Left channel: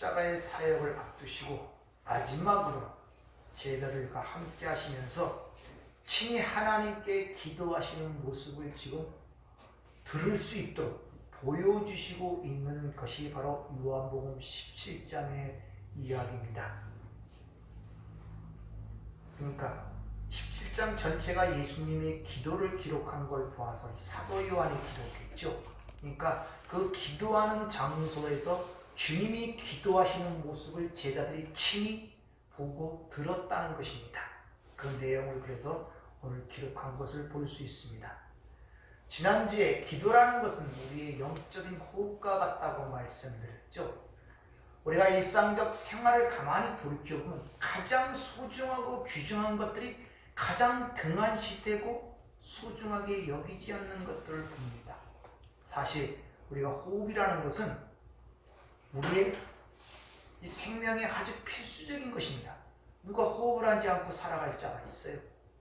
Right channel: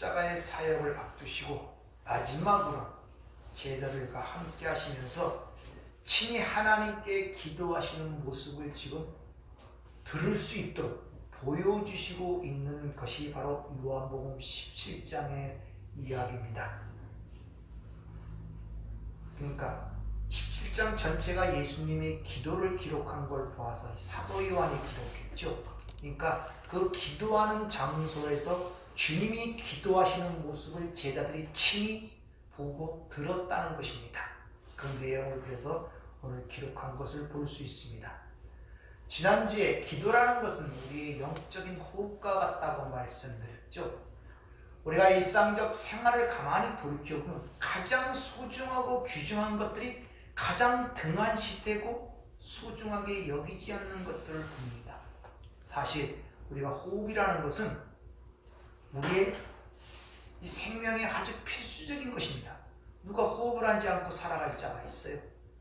십자가의 사역을 앞두시고 마지막으로 제자들과 함께 하시면서 친히 하나님께 기도하시는 모습을 지금 들을 수 있도록 보여주시고 있는 것이 바로 요한복음 17장의 이야기입니다. 그러니까 17장 전체가 예수님의 기도를 기록한 걸 보아서 사도 요한이 기록했죠. 그러니까 그 기도하는 장소에서 주님이 기도하시는 모습을 제자들이 친히 보고 들었다는 것입니다. 그 내용을 해서 오늘 기록한 것을 볼 수 있습니다. 지난주에 기도라는 것은 우리의 영적인 호흡과 같다고 말씀드렸죠. 우리가 일상적 생활을 가만히 돌이켜보면 가장 소중하고 귀중한 것들이 가장 등한시되고 소중하게 여기지 않는 것들을 봅니다. 사실 우리가 호흡이라는 것은 우리의 이 생명에 아주 필수적인 것입니다. 누가 호흡을 하지 않고 살아갈 자가 있어요?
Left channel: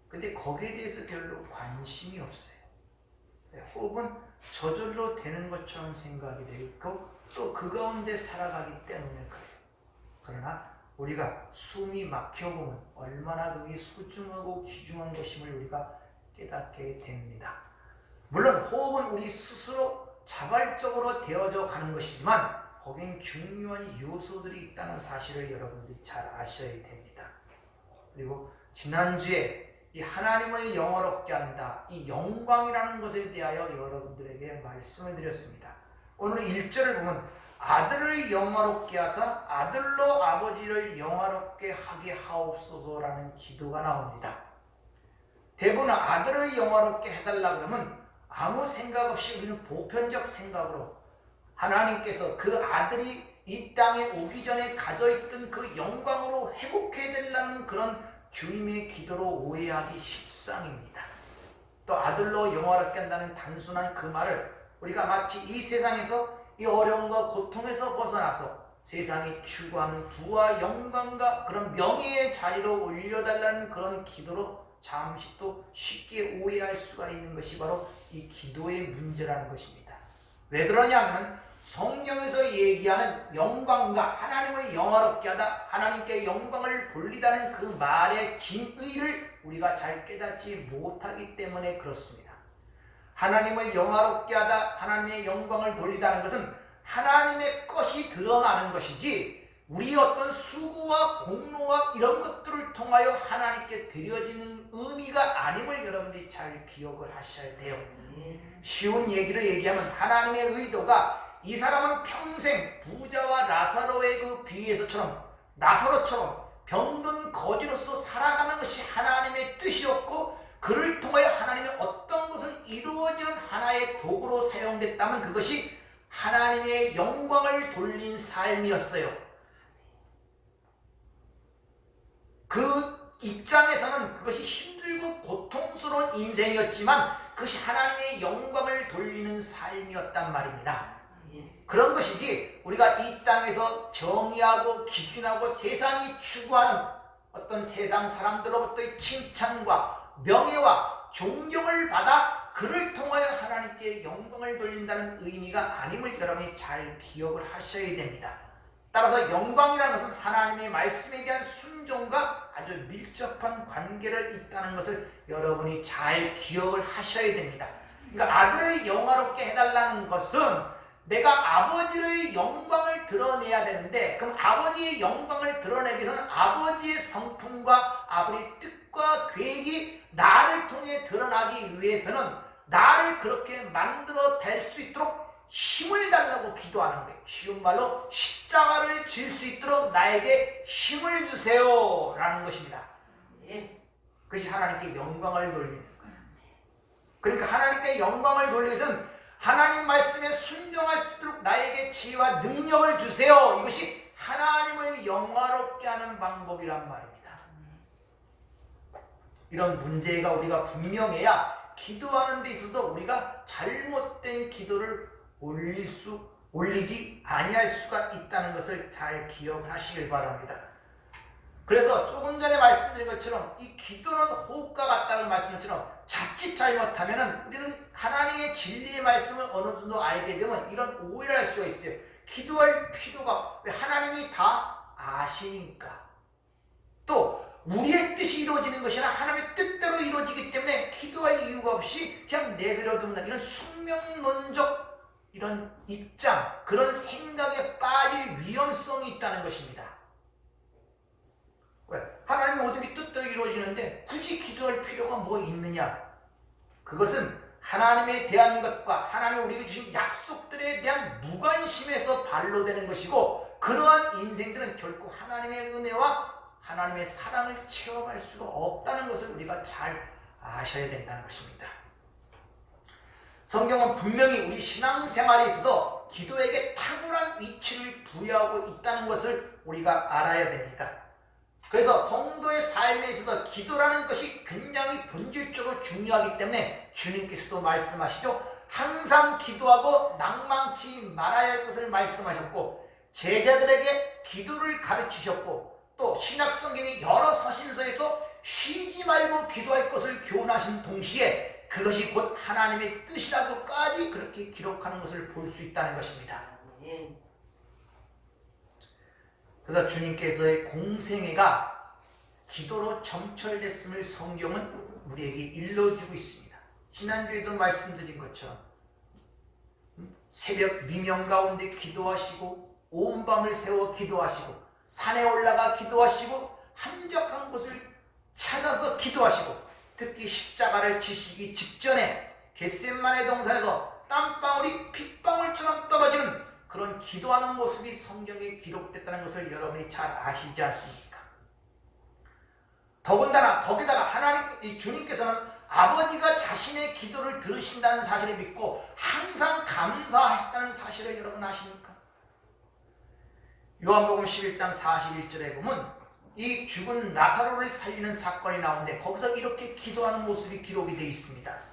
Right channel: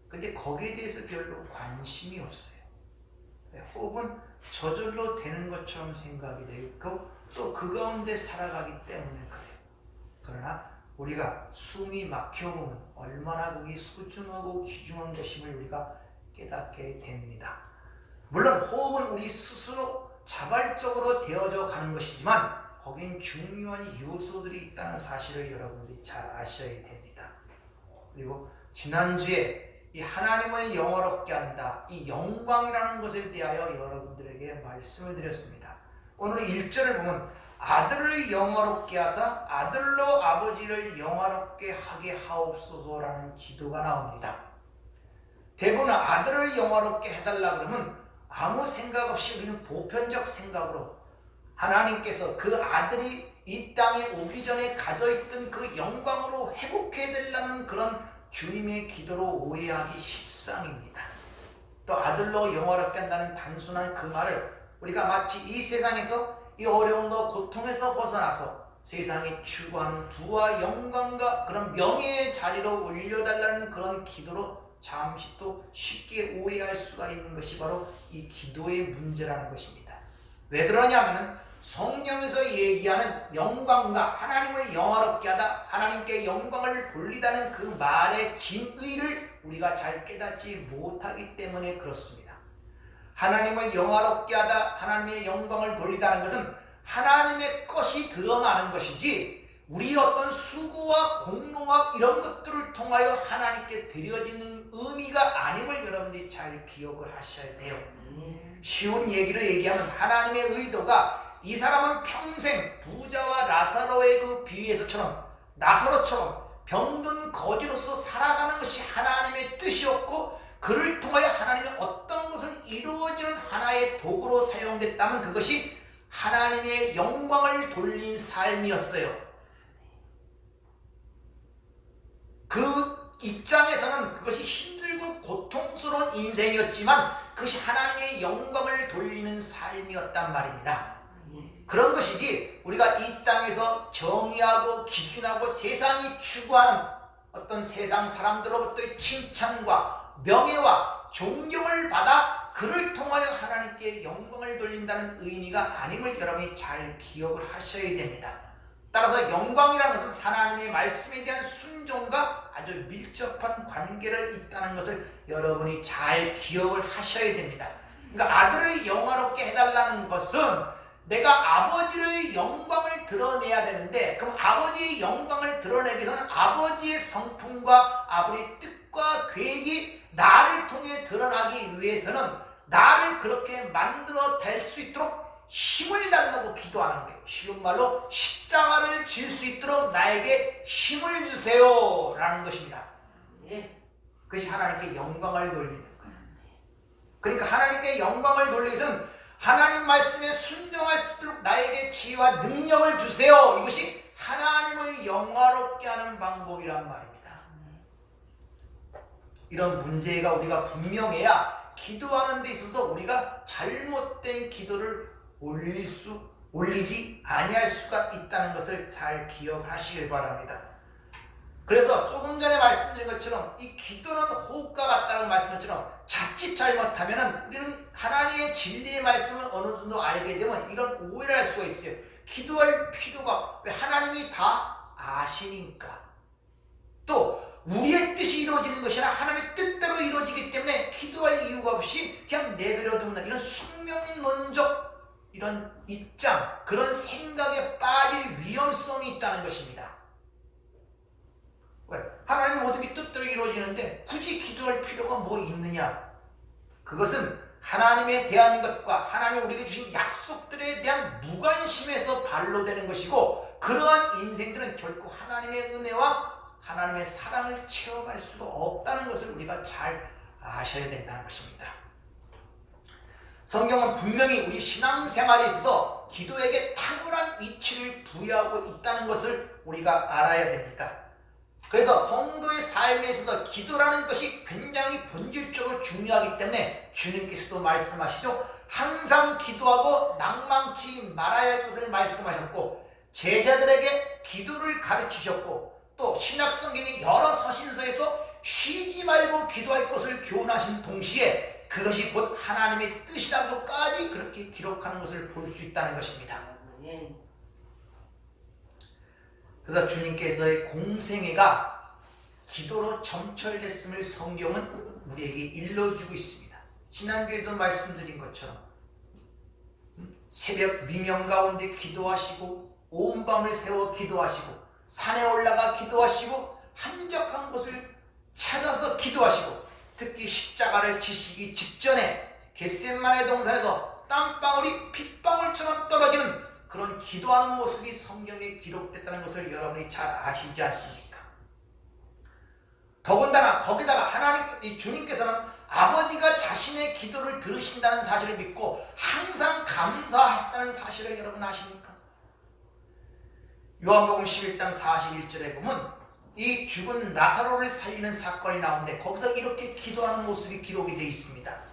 근데 거기에 대해서 별로 관심이 없어요. 호흡은 저절로 되는 것처럼 생각이 되어 있고 또 그 가운데 살아가기 때문에 그래요. 그러나 우리가 숨이 막혀보면 얼마나 그게 소중하고 귀중한 것임을 우리가 깨닫게 됩니다. 물론 호흡은 우리 스스로 자발적으로 되어져 가는 것이지만 거긴 중요한 요소들이 있다는 사실을 여러분들이 잘 아셔야 됩니다. 그리고 지난주에 이 하나님을 영화롭게 한다, 이 영광이라는 것에 대하여 여러분들에게 말씀을 드렸습니다. 오늘 1절을 보면 아들을 영화롭게 하사 아들로 아버지를 영화롭게 하게 하옵소서라는 기도가 나옵니다. 대부분 아들을 영화롭게 해달라 그러면 아무 생각 없이 우리는 보편적 생각으로 하나님께서 그 아들이 이 땅에 오기 전에 가져있던 그 영광으로 회복해달라는 그런 주님의 기도로 오해하기 십상입니다. 또 아들로 영화롭게 한다는 단순한 그 말을 우리가 마치 이 세상에서 이 어려움과 고통에서 벗어나서 세상이 추구하는 부와 영광과 그런 명예의 자리로 올려달라는 그런 기도로 잠시 또 쉽게 오해할 수가 있는 것이 바로 이 기도의 문제라는 것입니다. 왜 그러냐면 성경에서 얘기하는 영광과 하나님을 영화롭게 하다, 하나님께 영광을 돌리다는 그 말의 진의를 우리가 잘 깨닫지 못하기 때문에 그렇습니다. 하나님을 영화롭게 하다, 하나님의 영광을 돌리다는 것은 하나님의 것이 드러나는 것이지 우리 어떤 수고와 공로와 이런 것들을 통하여 하나님께 드려지는 의미가 아님을 여러분들이 잘 기억을 하셔야 돼요. 쉬운 얘기로 얘기하면 하나님의 의도가 이 사람은 평생 부자와 라사로의 그 비유에서처럼 나사로처럼 병든 거지로서 살아가는 것이 하나님의 뜻이었고 그를 통하여 하나님의 어떤 것을 이루어지는 하나의 도구로 사용됐다면 그것이 하나님의 영광을 돌린 삶이었어요. 그 입장에서는 그것이 힘들고 고통스러운 인생이었지만 그것이 하나님의 영광을 돌리는 삶이었단 말입니다. 그런 것이지 우리가 이 땅에서 정의하고 기준하고 세상이 추구하는 어떤 세상 사람들로부터의 칭찬과 명예와 존경을 받아 그를 통하여 하나님께 영광을 돌린다는 의미가 아님을 여러분이 잘 기억을 하셔야 됩니다. 따라서 영광이라는 것은 하나님의 말씀에 대한 순종과 아주 밀접한 관계를 있다는 것을 여러분이 잘 기억을 하셔야 됩니다. 그러니까 아들을 영화롭게 해달라는 것은 내가 아버지의 영광을 드러내야 되는데 그럼 아버지의 영광을 드러내기 위해서는 아버지의 성품과 아버지의 뜻과 계획이 나를 통해 드러나기 위해서는 나를 그렇게 만들어 댈 수 있도록 힘을 달라고 기도하는 거예요. 쉬운 말로 십자가를 질 수 있도록 나에게 힘을 주세요 라는 것입니다. 그것이 하나님께 영광을 돌리는 거예요. 그러니까 하나님께 영광을 돌리기 위해서는 하나님 말씀에 순종할 수 있도록 나에게 지혜와 능력을 주세요. 이것이 하나님을 영화롭게 하는 방법이란 말입니다. 이런 문제가 우리가 분명해야 기도하는 데 있어서 우리가 잘못된 기도를 올리지 아니할 수가 있다는 것을 잘 기억하시길 바랍니다. 그래서 조금 전에 말씀드린 것처럼 이 기도는 호흡과 같다고 말씀드린 것처럼 자칫 잘못하면 우리는 하나님의 진리의 말씀을 어느 정도 알게 되면 이런 오해를 할 수가 있어요. 기도할 필요가, 왜? 하나님이 다 아시니까. 또 우리의 뜻이 이루어지는 것이 아니라 하나님의 뜻대로 이루어지기 때문에 기도할 이유가 없이 그냥 내버려 두는 이런 숙명론적 이런 입장, 그런 생각에 빠질 위험성이 있다는 것입니다. 왜? 하나님 모든 게 뜻대로 이루어지는데 굳이 기도할 필요가 뭐 있느냐? 그것은 하나님에 대한 것과 하나님이 우리에게 주신 약속들에 대한 무관심에서 발로되는 것이고, 그러한 인생들은 결코 하나님의 은혜와 하나님의 사랑을 체험할 수가 없다는 것을 우리가 잘 아셔야 된다는 것입니다. 성경은 분명히 우리 신앙생활에 있어서 기도에게 탁월한 위치를 부여하고 있다는 것을 우리가 알아야 됩니다. 그래서 성도의 삶에 있어서 기도라는 것이 굉장히 본질적으로 중요하기 때문에 주님께서도 말씀하시죠. 항상 기도하고 낭망치 말아야 할 것을 말씀하셨고, 제자들에게 기도를 가르치셨고, 또 신약성경의 여러 서신서에서 쉬지 말고 기도할 것을 교훈하신 동시에 그것이 곧 하나님의 뜻이라고까지 그렇게 기록하는 것을 볼 수 있다는 것입니다. 그래서 주님께서의 공생애가 기도로 점철됐음을 성경은 우리에게 일러주고 있습니다. 지난주에도 말씀드린 것처럼 새벽 미명 가운데 기도하시고, 온 밤을 새워 기도하시고, 산에 올라가 기도하시고, 한적한 곳을 찾아서 기도하시고, 특히 십자가를 지시기 직전에 겟세마네 동산에서 땀방울이 핏방울처럼 떨어지는 그런 기도하는 모습이 성경에 기록됐다는 것을 여러분이 잘 아시지 않습니까? 더군다나 거기다가 하나님, 주님께서는 아버지가 자신의 기도를 들으신다는 사실을 믿고 항상 감사하셨다는 사실을 여러분 아십니까? 요한복음 11장 41절에 보면 이 죽은 나사로를 살리는 사건이 나오는데 거기서 이렇게 기도하는 모습이 기록이 되어 있습니다.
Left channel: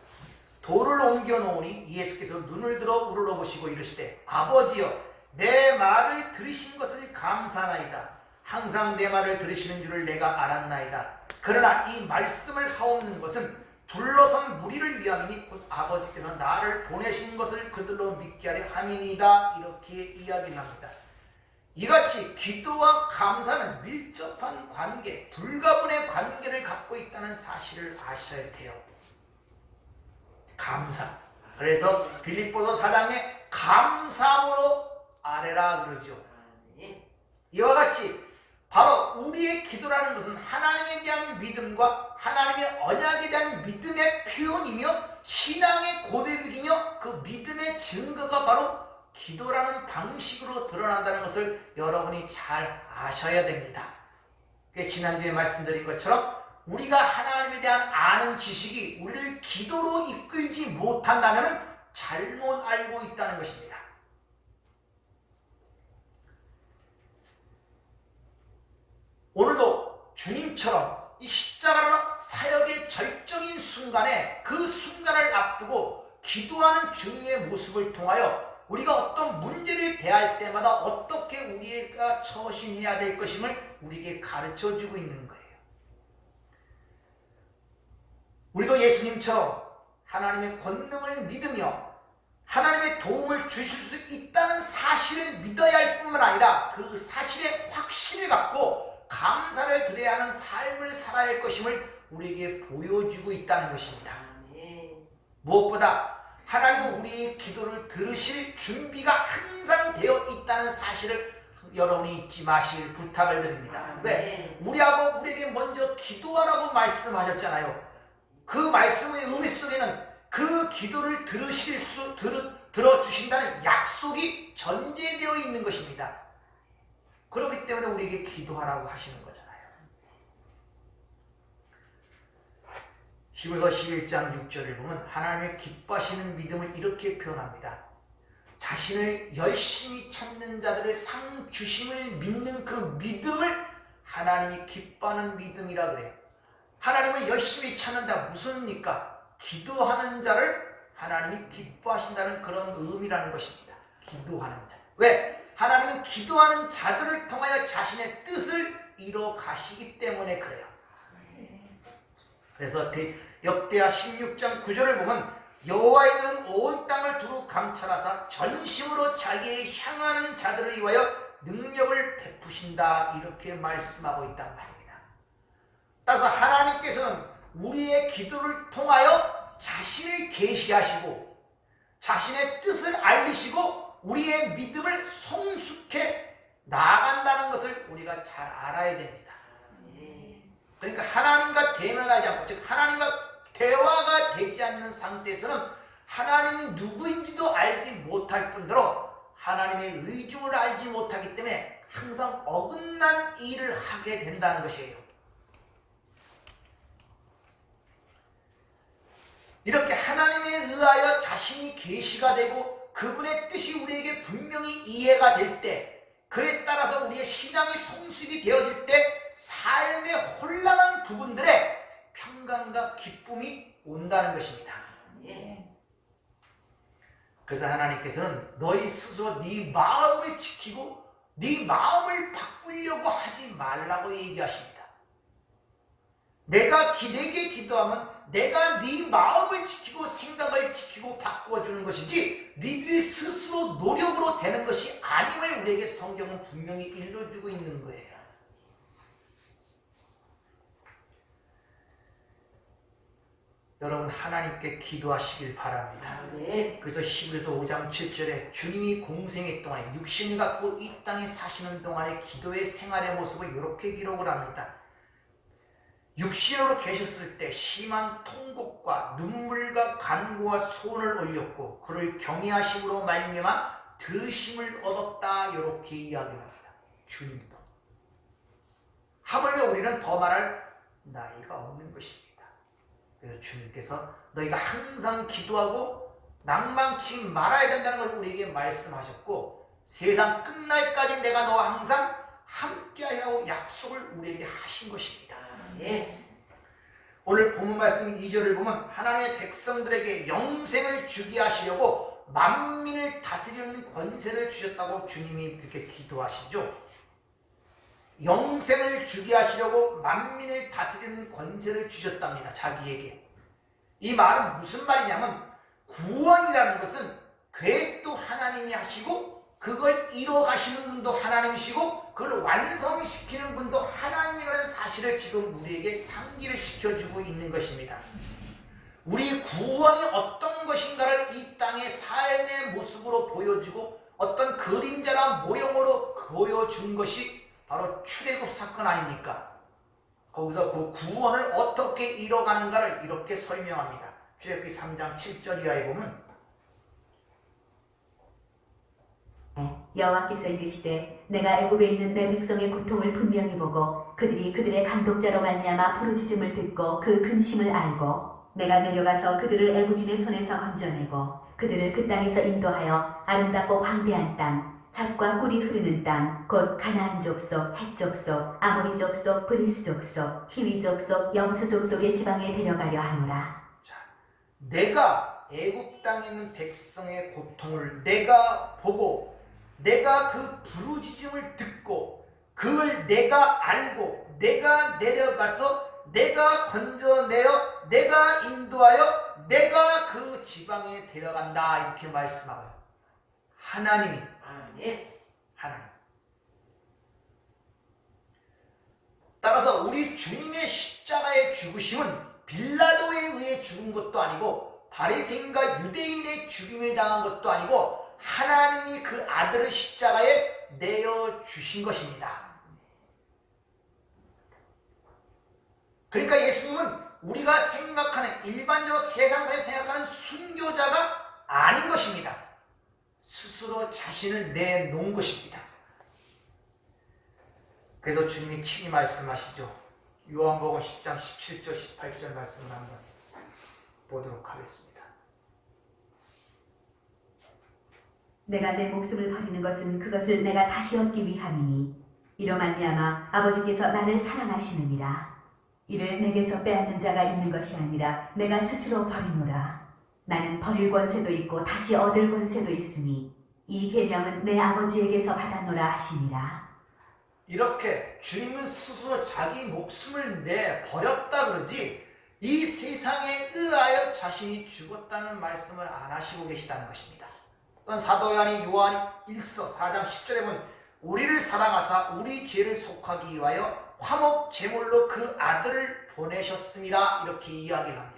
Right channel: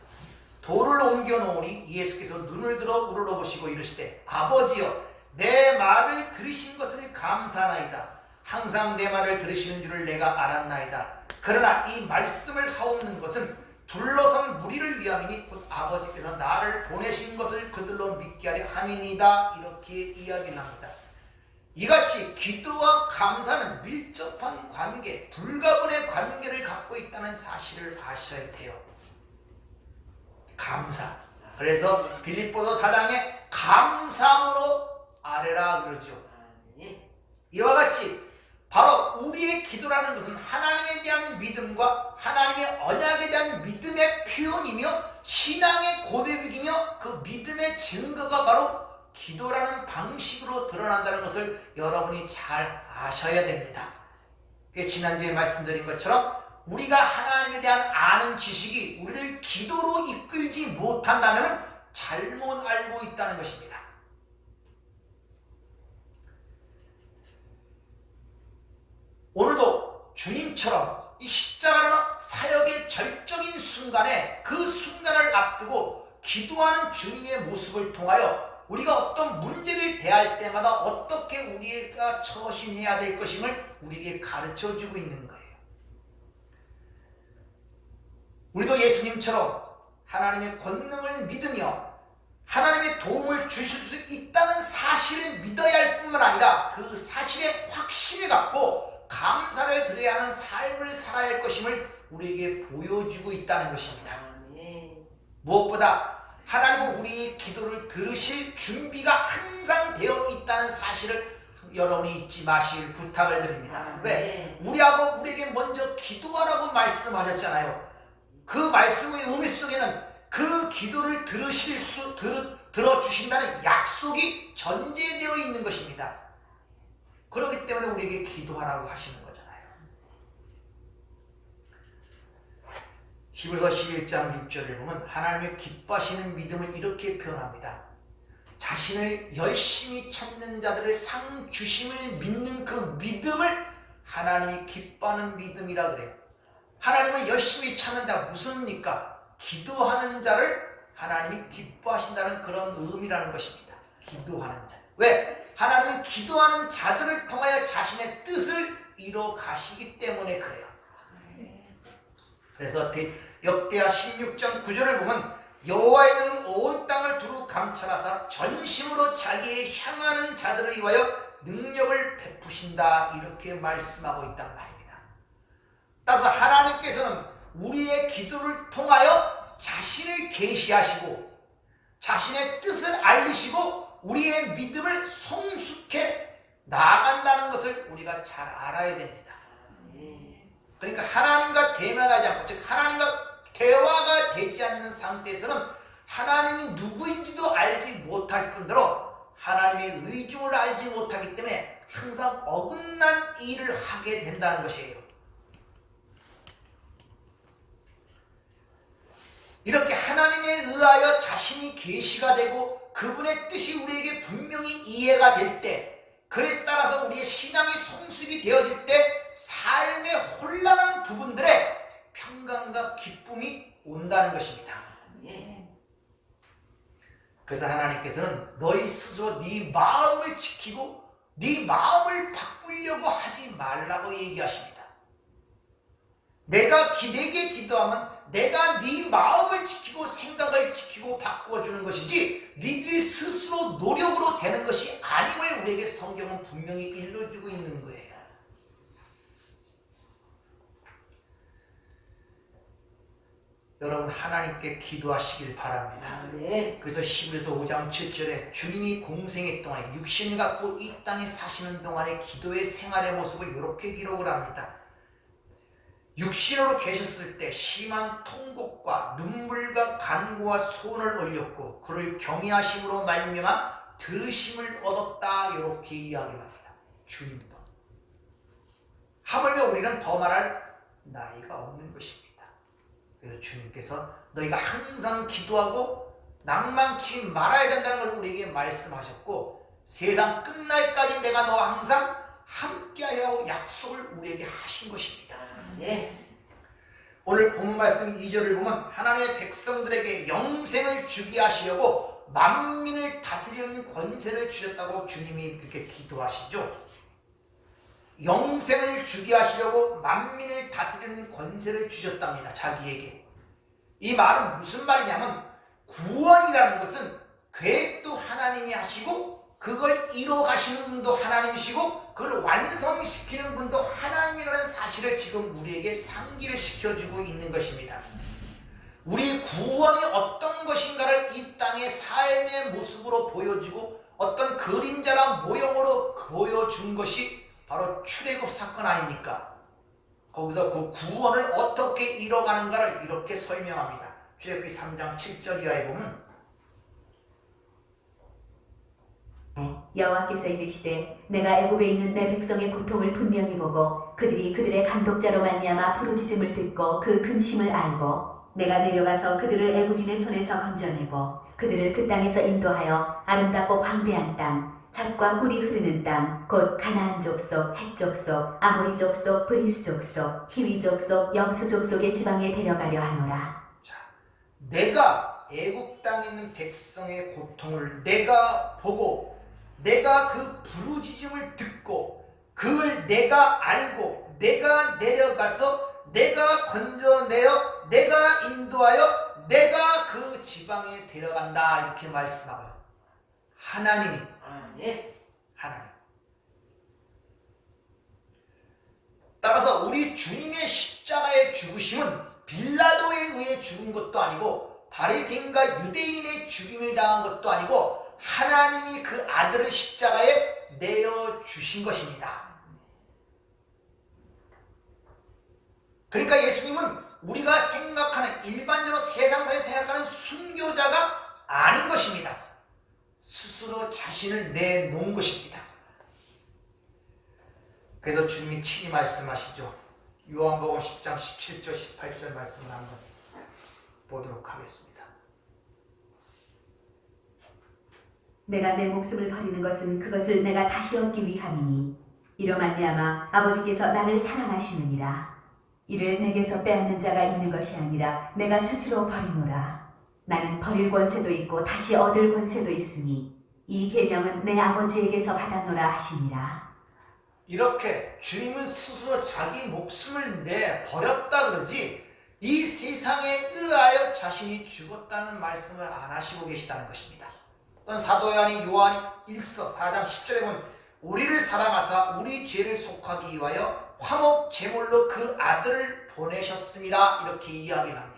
돌을 옮겨 놓으니 예수께서 눈을 들어 우러러보시고 이르시되, 아버지여, 내 말을 들으신 것을 감사하나이다. 항상 내 말을 들으시는 줄을 내가 알았나이다. 그러나 이 말씀을 하옵는 것은 둘러선 무리를 위함이니 곧 아버지께서 나를 보내신 것을 그들로 믿게 하려 함이니이다. 이렇게 이야기를 합니다. 이같이 기도와 감사는 밀접한 관계, 불가분의 관계를 갖고 있다는 사실을 아셔야 돼요. 감사. 그래서 빌립보서 4장에 감사함으로 아뢰라 그러죠. 이와 같이 바로 우리의 기도라는 것은 하나님에 대한 믿음과 하나님의 언약에 대한 믿음의 표현이며 신앙의 고백이며 그 믿음의 증거가 바로 기도라는 방식으로 드러난다는 것을 여러분이 잘 아셔야 됩니다. 지난주에 말씀드린 것처럼 우리가 하나님에 대한 아는 지식이 우리를 기도로 이끌지 못한다면 잘못 알고 있다는 것입니다. 오늘도 주님처럼 이 십자가라는 사역의 절정인 순간에 그 순간을 앞두고 기도하는 주님의 모습을 통하여 우리가 어떤 문제를 대할 때마다 어떻게 우리가 처신해야 될 것임을 우리에게 가르쳐주고 있는 거예요. 우리도 예수님처럼 하나님의 권능을 믿으며 하나님의 도움을 주실 수 있다는 사실을 믿어야 할 뿐만 아니라 그 사실에 확신을 갖고 감사를 드려야 하는 삶을 살아야 할 것임을 우리에게 보여주고 있다는 것입니다. 무엇보다 하나님은 우리의 기도를 들으실 준비가 항상 되어 있다는 사실을 여러분이 잊지 마실 부탁을 드립니다. 왜? 우리에게 먼저 기도하라고 말씀하셨잖아요. 그 말씀의 의미 속에는 그 기도를 들어주신다는 약속이 전제되어 있는 것입니다. 그렇기 때문에 우리에게 기도하라고 하시는 거잖아요. 히브리서 11장 6절을 보면 하나님을 기뻐하시는 믿음을 이렇게 표현합니다. 자신을 열심히 찾는 자들의 상 주심을 믿는 그 믿음을 하나님이 기뻐하는 믿음이라 그래요. 하나님을 열심히 찾는다. 무슨입니까? 기도하는 자를 하나님이 기뻐하신다는 그런 의미라는 것입니다. 기도하는 자. 왜? 하나님은 기도하는 자들을 통하여 자신의 뜻을 이뤄 가시기 때문에 그래요. 그래서 역대하 16장 9절을 보면 여호와의 능은 온 땅을 두루 감찰하사 전심으로 자기의 향하는 자들을 위하여 능력을 베푸신다 이렇게 말씀하고 있단 말입니다. 따라서 하나님께서는 우리의 기도를 통하여 자신을 계시하시고 자신의 뜻을 알리시고 우리의 믿음을 성숙해 나아간다는 것을 우리가 잘 알아야 됩니다. 그러니까 하나님과 대면하지 않고 즉 하나님과 대화가 되지 않는 상태에서는 하나님이 누구인지도 알지 못할 뿐더러 하나님의 의중을 알지 못하기 때문에 항상 어긋난 일을 하게 된다는 것이에요. 이렇게 하나님에 의하여 자신이 계시가 되고 그분의 뜻이 우리에게 분명히 이해가 될 때 그에 따라서 우리의 신앙이 성숙이 되어질 때 삶의 혼란한 부분들에 평강과 기쁨이 온다는 것입니다. 그래서 하나님께서는 너희 스스로 네 마음을 지키고 네 마음을 바꾸려고 하지 말라고 얘기하십니다. 내가 기대게 기도하면 내가 네 마음을 지키고 생각을 지키고 바꾸어주는 것이지 니들이 스스로 노력으로 되는 것이 아님을 우리에게 성경은 분명히 일러주고 있는 거예요. 여러분 하나님께 기도하시길 바랍니다. 그래서 히브리서 5장 7절에 주님이 공생의 동안에 육신을 갖고 이 땅에 사시는 동안에 기도의 생활의 모습을 이렇게 기록을 합니다. 육신으로 계셨을 때 심한 통곡과 눈물과 간구와 소원을 올렸고 그를 경외하심으로 말미암아 들으심을 얻었다 이렇게 이야기합니다. 주님도 하물며 우리는 더 말할 나이가 없는 것입니다. 그래서 주님께서 너희가 항상 기도하고 낭망치 말아야 된다는 걸 우리에게 말씀하셨고 세상 끝날까지 내가 너와 항상 함께하리라고 약속을 우리에게 하신 것입니다. 오늘 본문 말씀 2절을 보면 하나님의 백성들에게 영생을 주게 하시려고 만민을 다스리는 권세를 주셨다고 주님이 이렇게 기도하시죠. 영생을 주게 하시려고 만민을 다스리는 권세를 주셨답니다. 자기에게. 이 말은 무슨 말이냐면 구원이라는 것은 계획도 하나님이 하시고 그걸 이뤄가시는 분도 하나님이시고 그걸 완성시키는 분도 하나님이라는 사실을 지금 우리에게 상기를 시켜주고 있는 것입니다. 우리 구원이 어떤 것인가를 이 땅의 삶의 모습으로 보여주고 어떤 그림자나 모형으로 보여준 것이 바로 출애굽 사건 아닙니까? 거기서 그 구원을 어떻게 이뤄가는가를 이렇게 설명합니다. 출애굽기 3장 7절 이하에 보면 여호와께서 이르시되 내가 애굽에 있는 내 백성의 고통을 분명히 보고 그들이 그들의 감독자로 말미암아 부르짖음을 듣고 그 근심을 알고 내가 내려가서 그들을 애굽인의 손에서 건져내고 그들을 그 땅에서 인도하여 아름답고 광대한 땅 젖과 꿀이 흐르는 땅 곧 가나안 족속, 헷 족속, 아모리 족속, 브리스 족속, 히위 족속, 여부수 족속의 지방에 데려가려 하노라. 자, 내가 애굽 땅에 있는 백성의 고통을 내가 보고 내가 그 부르짖음을 듣고 그걸 내가 알고 내가 내려가서 내가 건져내어 내가 인도하여 내가 그 지방에 데려간다 이렇게 말씀하고요. 하나님이 하나님. 따라서 우리 주님의 십자가의 죽으심은 빌라도에 의해 죽은 것도 아니고 바리새인과 유대인의 죽임을 당한 것도 아니고 하나님이 그 아들을 십자가에 내어주신 것입니다. 그러니까 예수님은 우리가 생각하는 일반적으로 세상에서 생각하는 순교자가 아닌 것입니다. 스스로 자신을 내놓은 것입니다. 그래서 주님이 친히 말씀하시죠. 요한복음 10장 17절 18절 말씀을 한번 보도록 하겠습니다. 내가 내 목숨을 버리는 것은 그것을 내가 다시 얻기 위함이니 이로 말미암아 아버지께서 나를 사랑하시느니라. 이를 내게서 빼앗는 자가 있는 것이 아니라 내가 스스로 버리노라. 나는 버릴 권세도 있고 다시 얻을 권세도 있으니 이 계명은 내 아버지에게서 받아노라 하시니라. 이렇게 주님은 스스로 자기 목숨을 내 버렸다 그러지 이 세상에 의하여 자신이 죽었다는 말씀을 안 하시고 계시다는 것입니다. 또한 사도 요한이 1서 4장 10절에 보면 우리를 사랑하사 우리 죄를 속하기 위하여 화목 제물로 그 아들을 보내셨습니다. 이렇게 이야기를 합니다.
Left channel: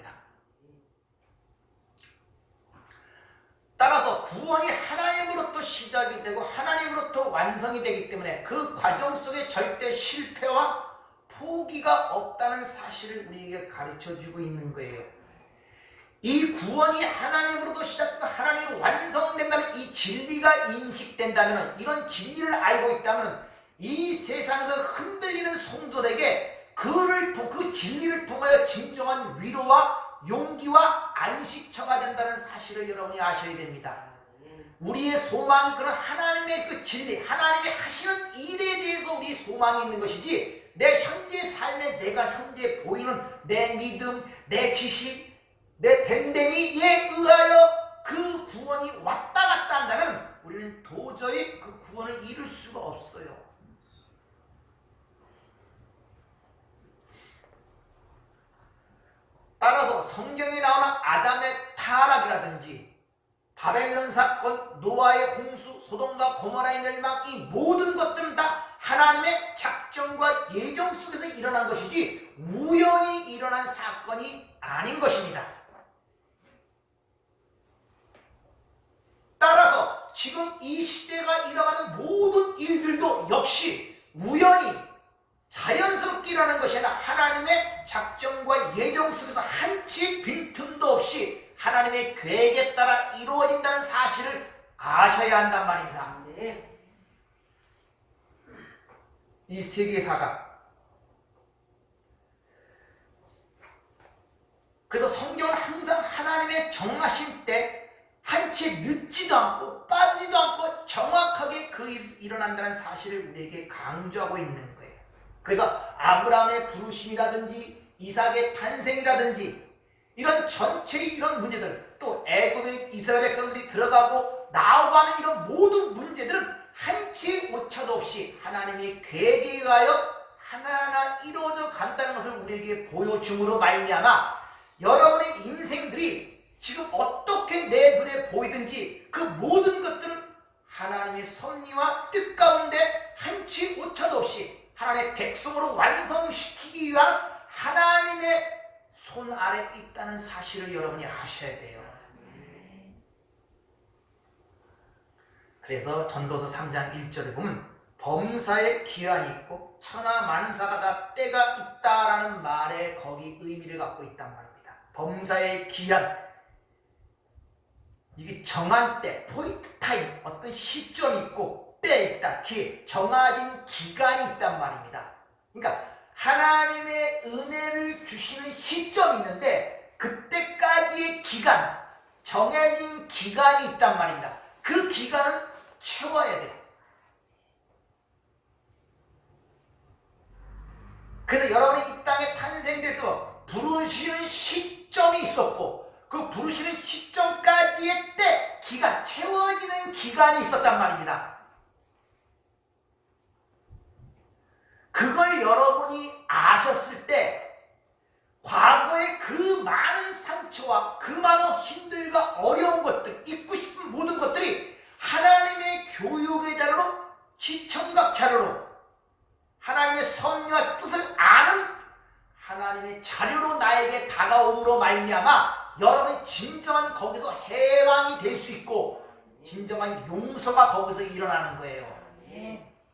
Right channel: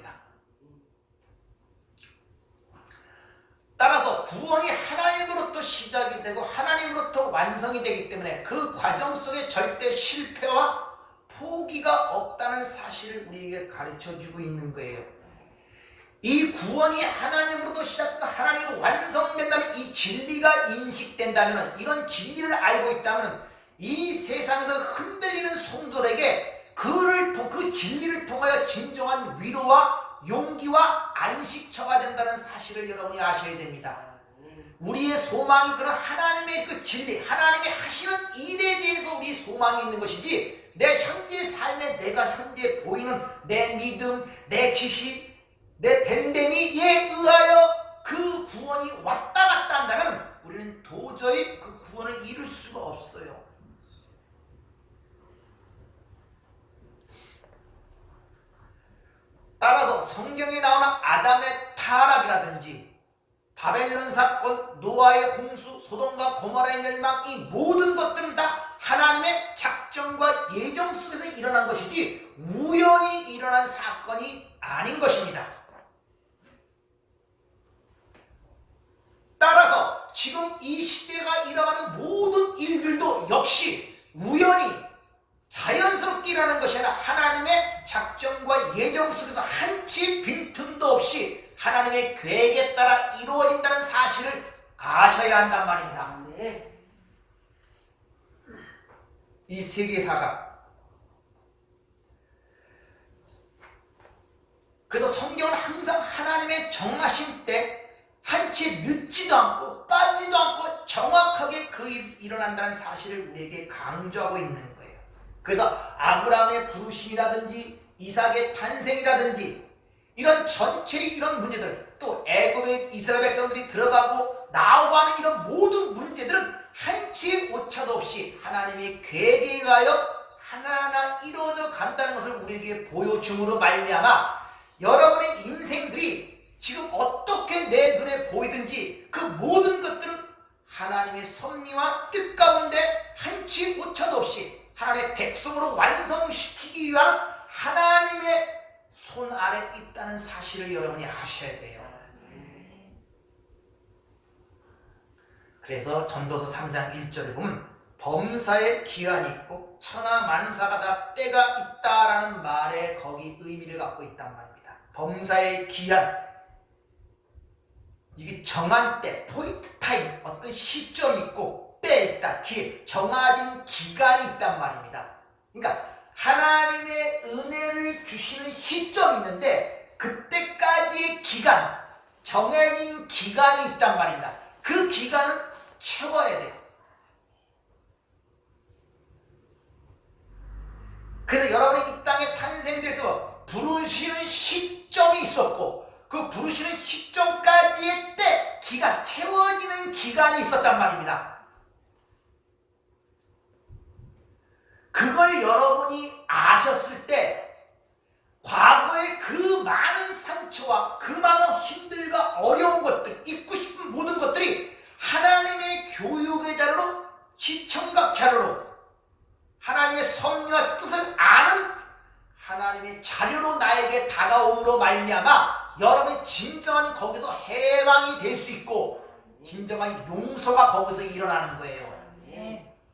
따라서 구원이 하나님으로부터 시작이 되고 하나님으로부터 완성이 되기 때문에 그 과정 속에 절대 실패와 포기가 없다는 사실을 우리에게 가르쳐주고 있는 거예요. 이 구원이 하나님으로부터 시작돼서 하나님이 완성된다는 이 진리가 인식된다면, 이런 진리를 알고 있다면 이 세상에서 흔들리는 성도들에게 그 진리를 통하여 진정한 위로와 용기와 안식처가 된다는 사실을 여러분이 아셔야 됩니다. 우리의 소망이 그런 하나님의 그 진리, 하나님이 하시는 일에 대해서 우리 소망이 있는 것이지, 내 현재 삶에 내가 현재 보이는 내 믿음, 내 지식, 내 댐댐이에 의하여 그 구원이 왔다 갔다 한다면 우리는 도저히 그 구원을 이룰 수가 없어요. 따라서 성경에 나오는 아담의 타락이라든지 바벨론 사건, 노아의 홍수, 소돔과 고모라의 멸망, 이 모든 것들은 다 하나님의 작정과 예정 속에서 일어난 것이지 우연히 일어난 사건이 아닌 것입니다. 따라서 지금 이 시대가 일어나는 모든 일들도 역시 우연히 자연스럽게 일어나는 것이 아니라 하나님의 작정과 예정 속에서 한치 빈틈도 없이 하나님의 계획에 따라 이루어진다는 사실을 아셔야 한단 말입니다. 이 세계사가, 그래서 성경은 항상 하나님의 정하신 때 한치 늦지도 않고 빠지도 않고 정확하게 그 일이 일어난다는 사실을 우리에게 강조하고 있는 거예요. 그래서 아브라함의 부르심이라든지 이삭의 탄생이라든지 이런 전체의 이런 문제들, 또 애굽의 이스라엘 백성들이 들어가고 나오가는 이런 모든 문제들은 한치 오차도 없이 하나님의 계획에 의하여 하나하나 이루어져 간다는 것을 우리에게 보여줌으로 말미암아 여러분의 인생들이 지금 어떻게 내 눈에 보이든지 그 모든 것들은 하나님의 섭리와 뜻 가운데 한치 오차도 없이 하나님의 백성으로 완성시키기 위한 하나님의 손 아래 있다는 사실을 여러분이 아셔야 돼요. 그래서 전도서 3장 1절에 보면 범사에 기한이 있고 천하 만사가 다 때가 있다라는 말에 거기 의미를 갖고 있단 말입니다. 범사의 기한, 이게 정한 때, 포인트 타임, 어떤 시점이 있고 때에 있다, 기회, 정해진 기간이 있단 말입니다. 그러니까 하나님의 은혜를 주시는 시점이 있는데 그때까지의 기간, 정해진 기간이 있단 말입니다. 그 기간은 채워야 돼요. 그래서 여러분이 이 땅에 탄생될 때 부르시는 시점이 있었고 그 부르시는 시점까지의 때, 기간, 채워지는 기간이 있었단 말입니다. 그걸 여러분이 아셨을 때 과거의 그 많은 상처와 그 많은 힘들과 어려운 것들, 잊고 싶은 모든 것들이 하나님의 교육의 자료로, 시청각 자료로, 하나님의 섭리와 뜻을 아는 하나님의 자료로 나에게 다가옴으로 말미암아 여러분이 진정한 거기서 해방이 될 수 있고 진정한 용서가 거기서 일어나는 거예요.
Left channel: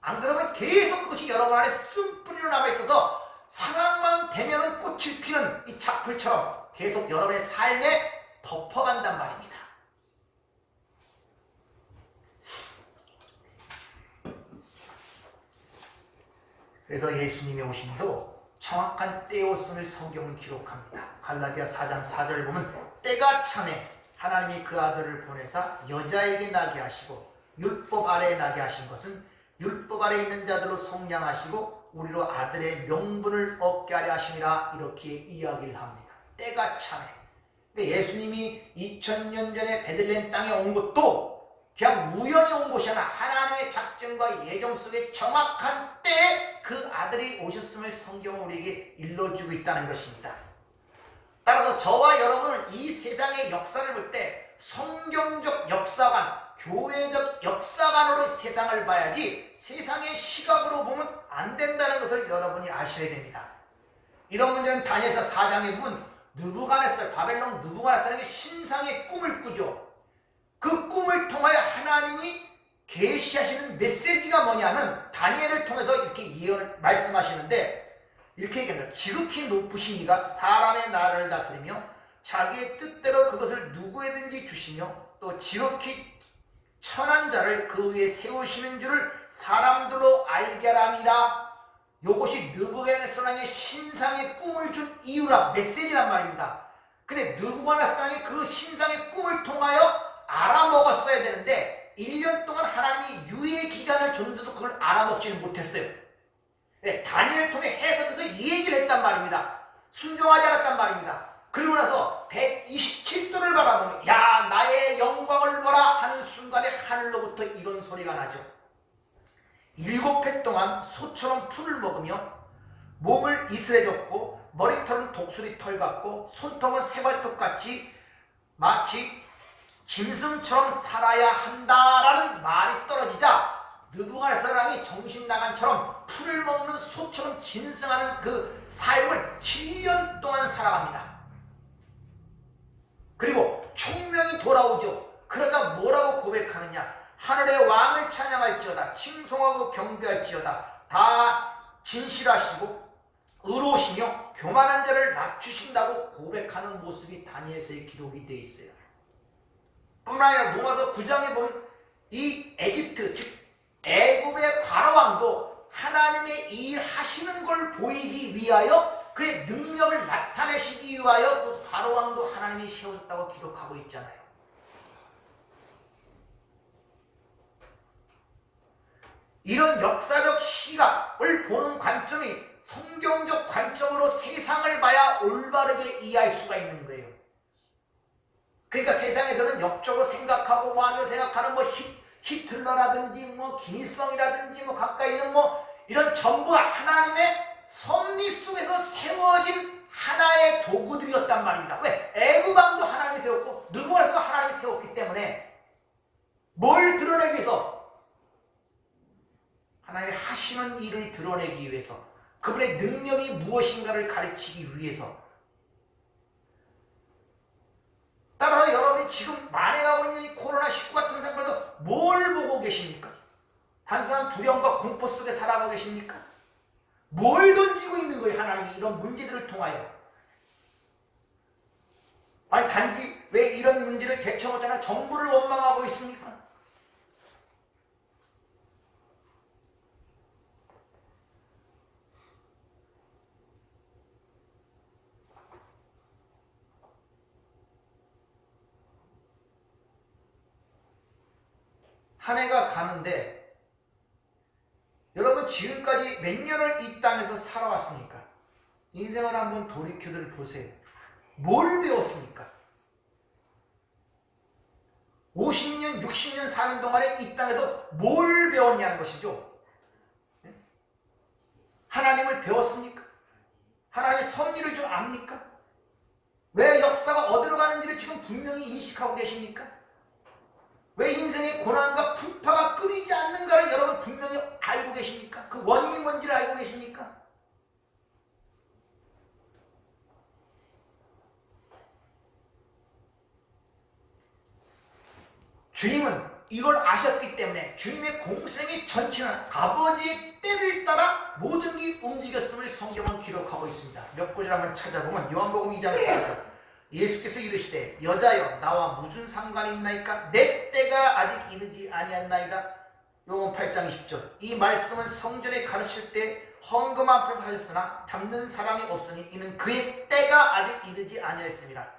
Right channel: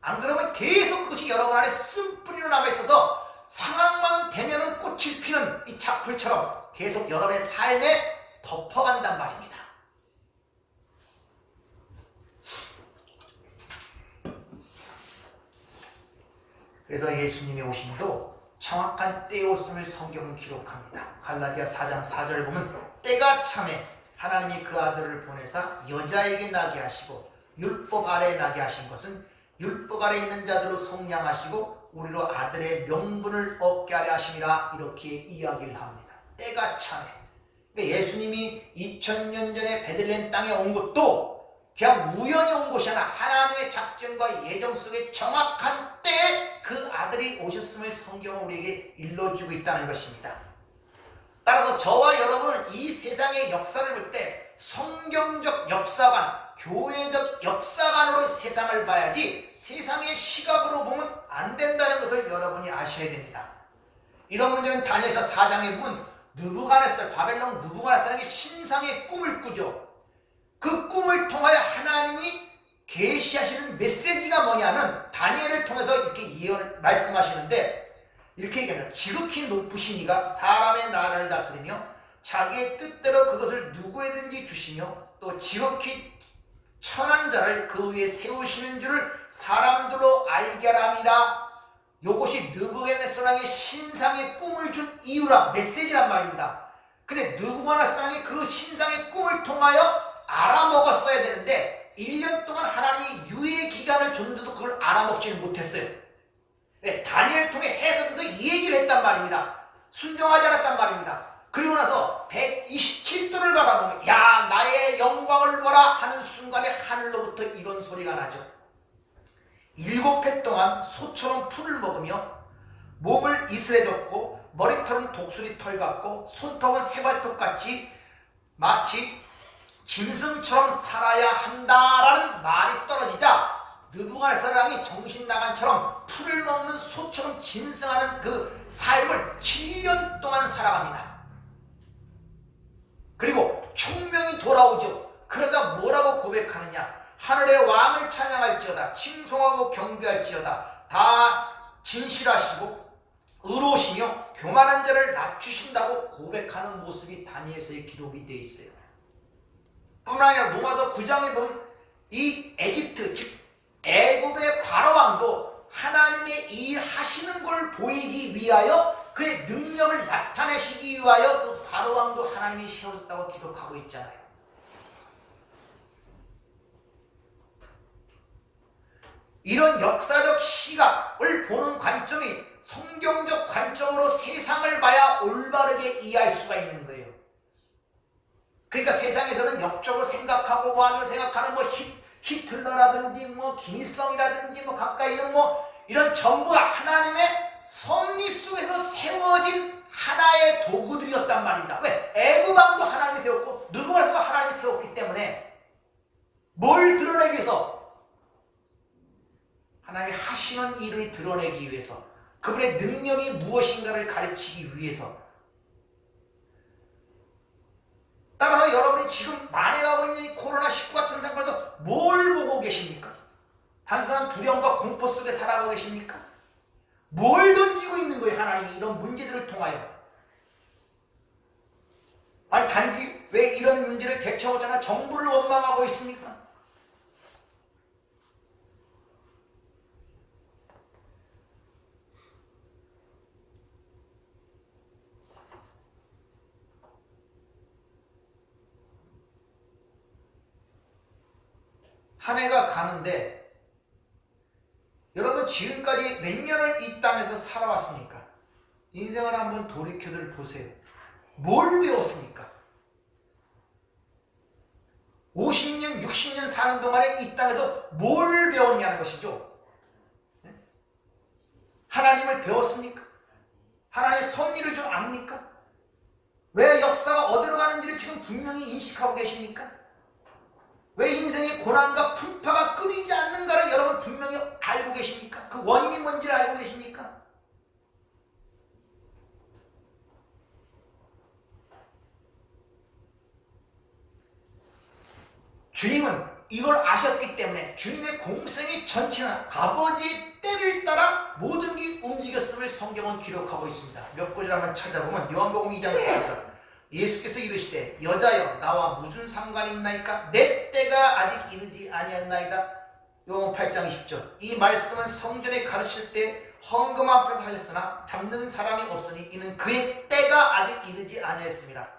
안 그러면 계속 그것이 여러분 안에 쓴뿌리로 남아있어서 상황만 되면은 꽃을 피는 이 잡풀처럼 계속 여러분의 삶에 덮어간단 말입니다. 그래서 예수님의 오심도 정확한 때에 오심을 성경은 기록합니다. 갈라디아 4장 4절을 보면 때가 참에 하나님이 그 아들을 보내사 여자에게 나게 하시고 율법 아래에 나게 하신 것은 율법 아래에 있는 자들로 속량하시고 우리로 아들의 명분을 얻게 하려 하심이라, 이렇게 이야기를 합니다. 때가 참에. 예수님이 2000년 전에 베들레헴 땅에 온 것도 그냥 우연히 온 것이 아니라 하나님의 작전과 예정 속에 정확한 때에 그 아들이 오셨음을 성경은 우리에게 일러주고 있다는 것입니다. 따라서 저와 여러분은 이 세상의 역사를 볼 때 성경적 역사관, 교회적 역사관으로 세상을 봐야지 세상의 시각으로 보면 안 된다는 것을 여러분이 아셔야 됩니다. 이런 문제는 다니엘서 4장에 본 느부갓네살, 바벨론 느부갓네살에게 신상의 꿈을 꾸죠. 그 꿈을 통하여 하나님이 계시하시는 메시지가 뭐냐면 다니엘을 통해서 이렇게 말씀하시는데 이렇게 얘기합니다. 지극히 높으신 이가 사람의 나라를 다스리며 자기의 뜻대로 그것을 누구에든지 주시며 또 지극히 천한 자를 그 위에 세우시는 줄을 사람들로 알게 하랍니다. 이것이 느부갓네살 왕의 신상의 꿈을 준 이유라, 메시지란 말입니다. 근데 느부갓네살 왕이 그 신상의 꿈을 통하여 알아먹었어야 되는데 1년 동안 하나님이 유예 기간을 줬는데도 그걸 알아먹지는 못했어요. 네, 다니엘을 통해 해석해서 이 얘기를 했단 말입니다. 순종하지 않았단 말입니다. 그리고 나서 127도를 바라보면 야 나의 영광을 보라 하는 순간에 하늘로부터 이런 소리가 나죠. 7해 동안 소처럼 풀을 먹으며 몸을 이슬해졌고 머리털은 독수리 털 같고 손톱은 새발톱같이 마치 짐승처럼 살아야 한다라는 말이 떨어지자 느부갓네살 왕이 정신 나간처럼 풀을 먹는 소처럼 짐승하는 그 삶을 7년 동안 살아갑니다. 그리고 총명이 돌아오죠. 그러자 뭐라고 고백하느냐? 하늘의 왕을 찬양할지어다. 칭송하고 경배할지어다. 다 진실하시고 의로우시며 교만한 자를 낮추신다고 고백하는 모습이 다니엘서의 기록이 되어 있어요. 뿐만 아니라 로마서 9장에 보면 이 에집트 즉 애굽의 바로왕도 하나님의 일 하시는 걸 보이기 위하여 그의 능력을 나타내시기 위하여 그 바로왕도 하나님이 세우셨다고 기록하고 있잖아요. 이런 역사적 시각을 보는 관점이 성경적 관점으로 세상을 봐야 올바르게 이해할 수가 있는 거예요. 그러니까 세상에서는 역적으로 생각하고 뭐 하면 생각하는 뭐 히틀러라든지 뭐 김일성이라든지 뭐 가까이 있는 뭐 이런 전부가 하나님의 섭리 속에서 세워진 하나의 도구들이었단 말입니다. 왜? 애굽왕도 하나님이 세웠고 느부갓네살도 하나님이 세웠기 때문에 뭘 드러내기 위해서? 하나님의 하시는 일을 드러내기 위해서, 그분의 능력이 무엇인가를 가르치기 위해서. 따라서 여러분이 지금 만행하고 있는 이 코로나19 같은 상황에서 뭘 보고 계십니까? 단순한 두려움과 공포 속에 살아가고 계십니까? 뭘 던지고 있는 거예요? 하나님이 이런 문제들을 통하여. 아니 단지 왜 이런 문제를 대처하잖아 정부를 원망하고 있습니까? 한 해가 가는데 여러분 지금까지 몇 년을 이 땅에서 살아왔습니까? 인생을 한번 돌이켜들 보세요. 뭘 배웠습니까? 50년, 60년 사는 동안에 이 땅에서 뭘 배웠냐는 것이죠. 하나님을 배웠습니까? 하나님의 섭리를 좀 압니까? 왜 역사가 어디로 가는지를 지금 분명히 인식하고 계십니까? 왜 인생의 고난과 풍파가 끊이지 않는가를 여러분 분명히 알고 계십니까? 그 원인이 뭔지를 알고 계십니까? 주님은 이걸 아셨기 때문에 주님의 공생의 전체는 아버지의 때를 따라 모든 게 움직였음을 성경은 기록하고 있습니다. 몇 구절 한번 찾아보면 요한복음 2장 4절 예수께서 이르시되 여자여 나와 무슨 상관이 있나이까? 내 때가 아직 이르지 아니었나이다. 요한 8장 20절 이 말씀은 성전에 가르칠 때 헌금 앞에서 하셨으나 잡는 사람이 없으니 이는 그의 때가 아직 이르지 아니하였습니다.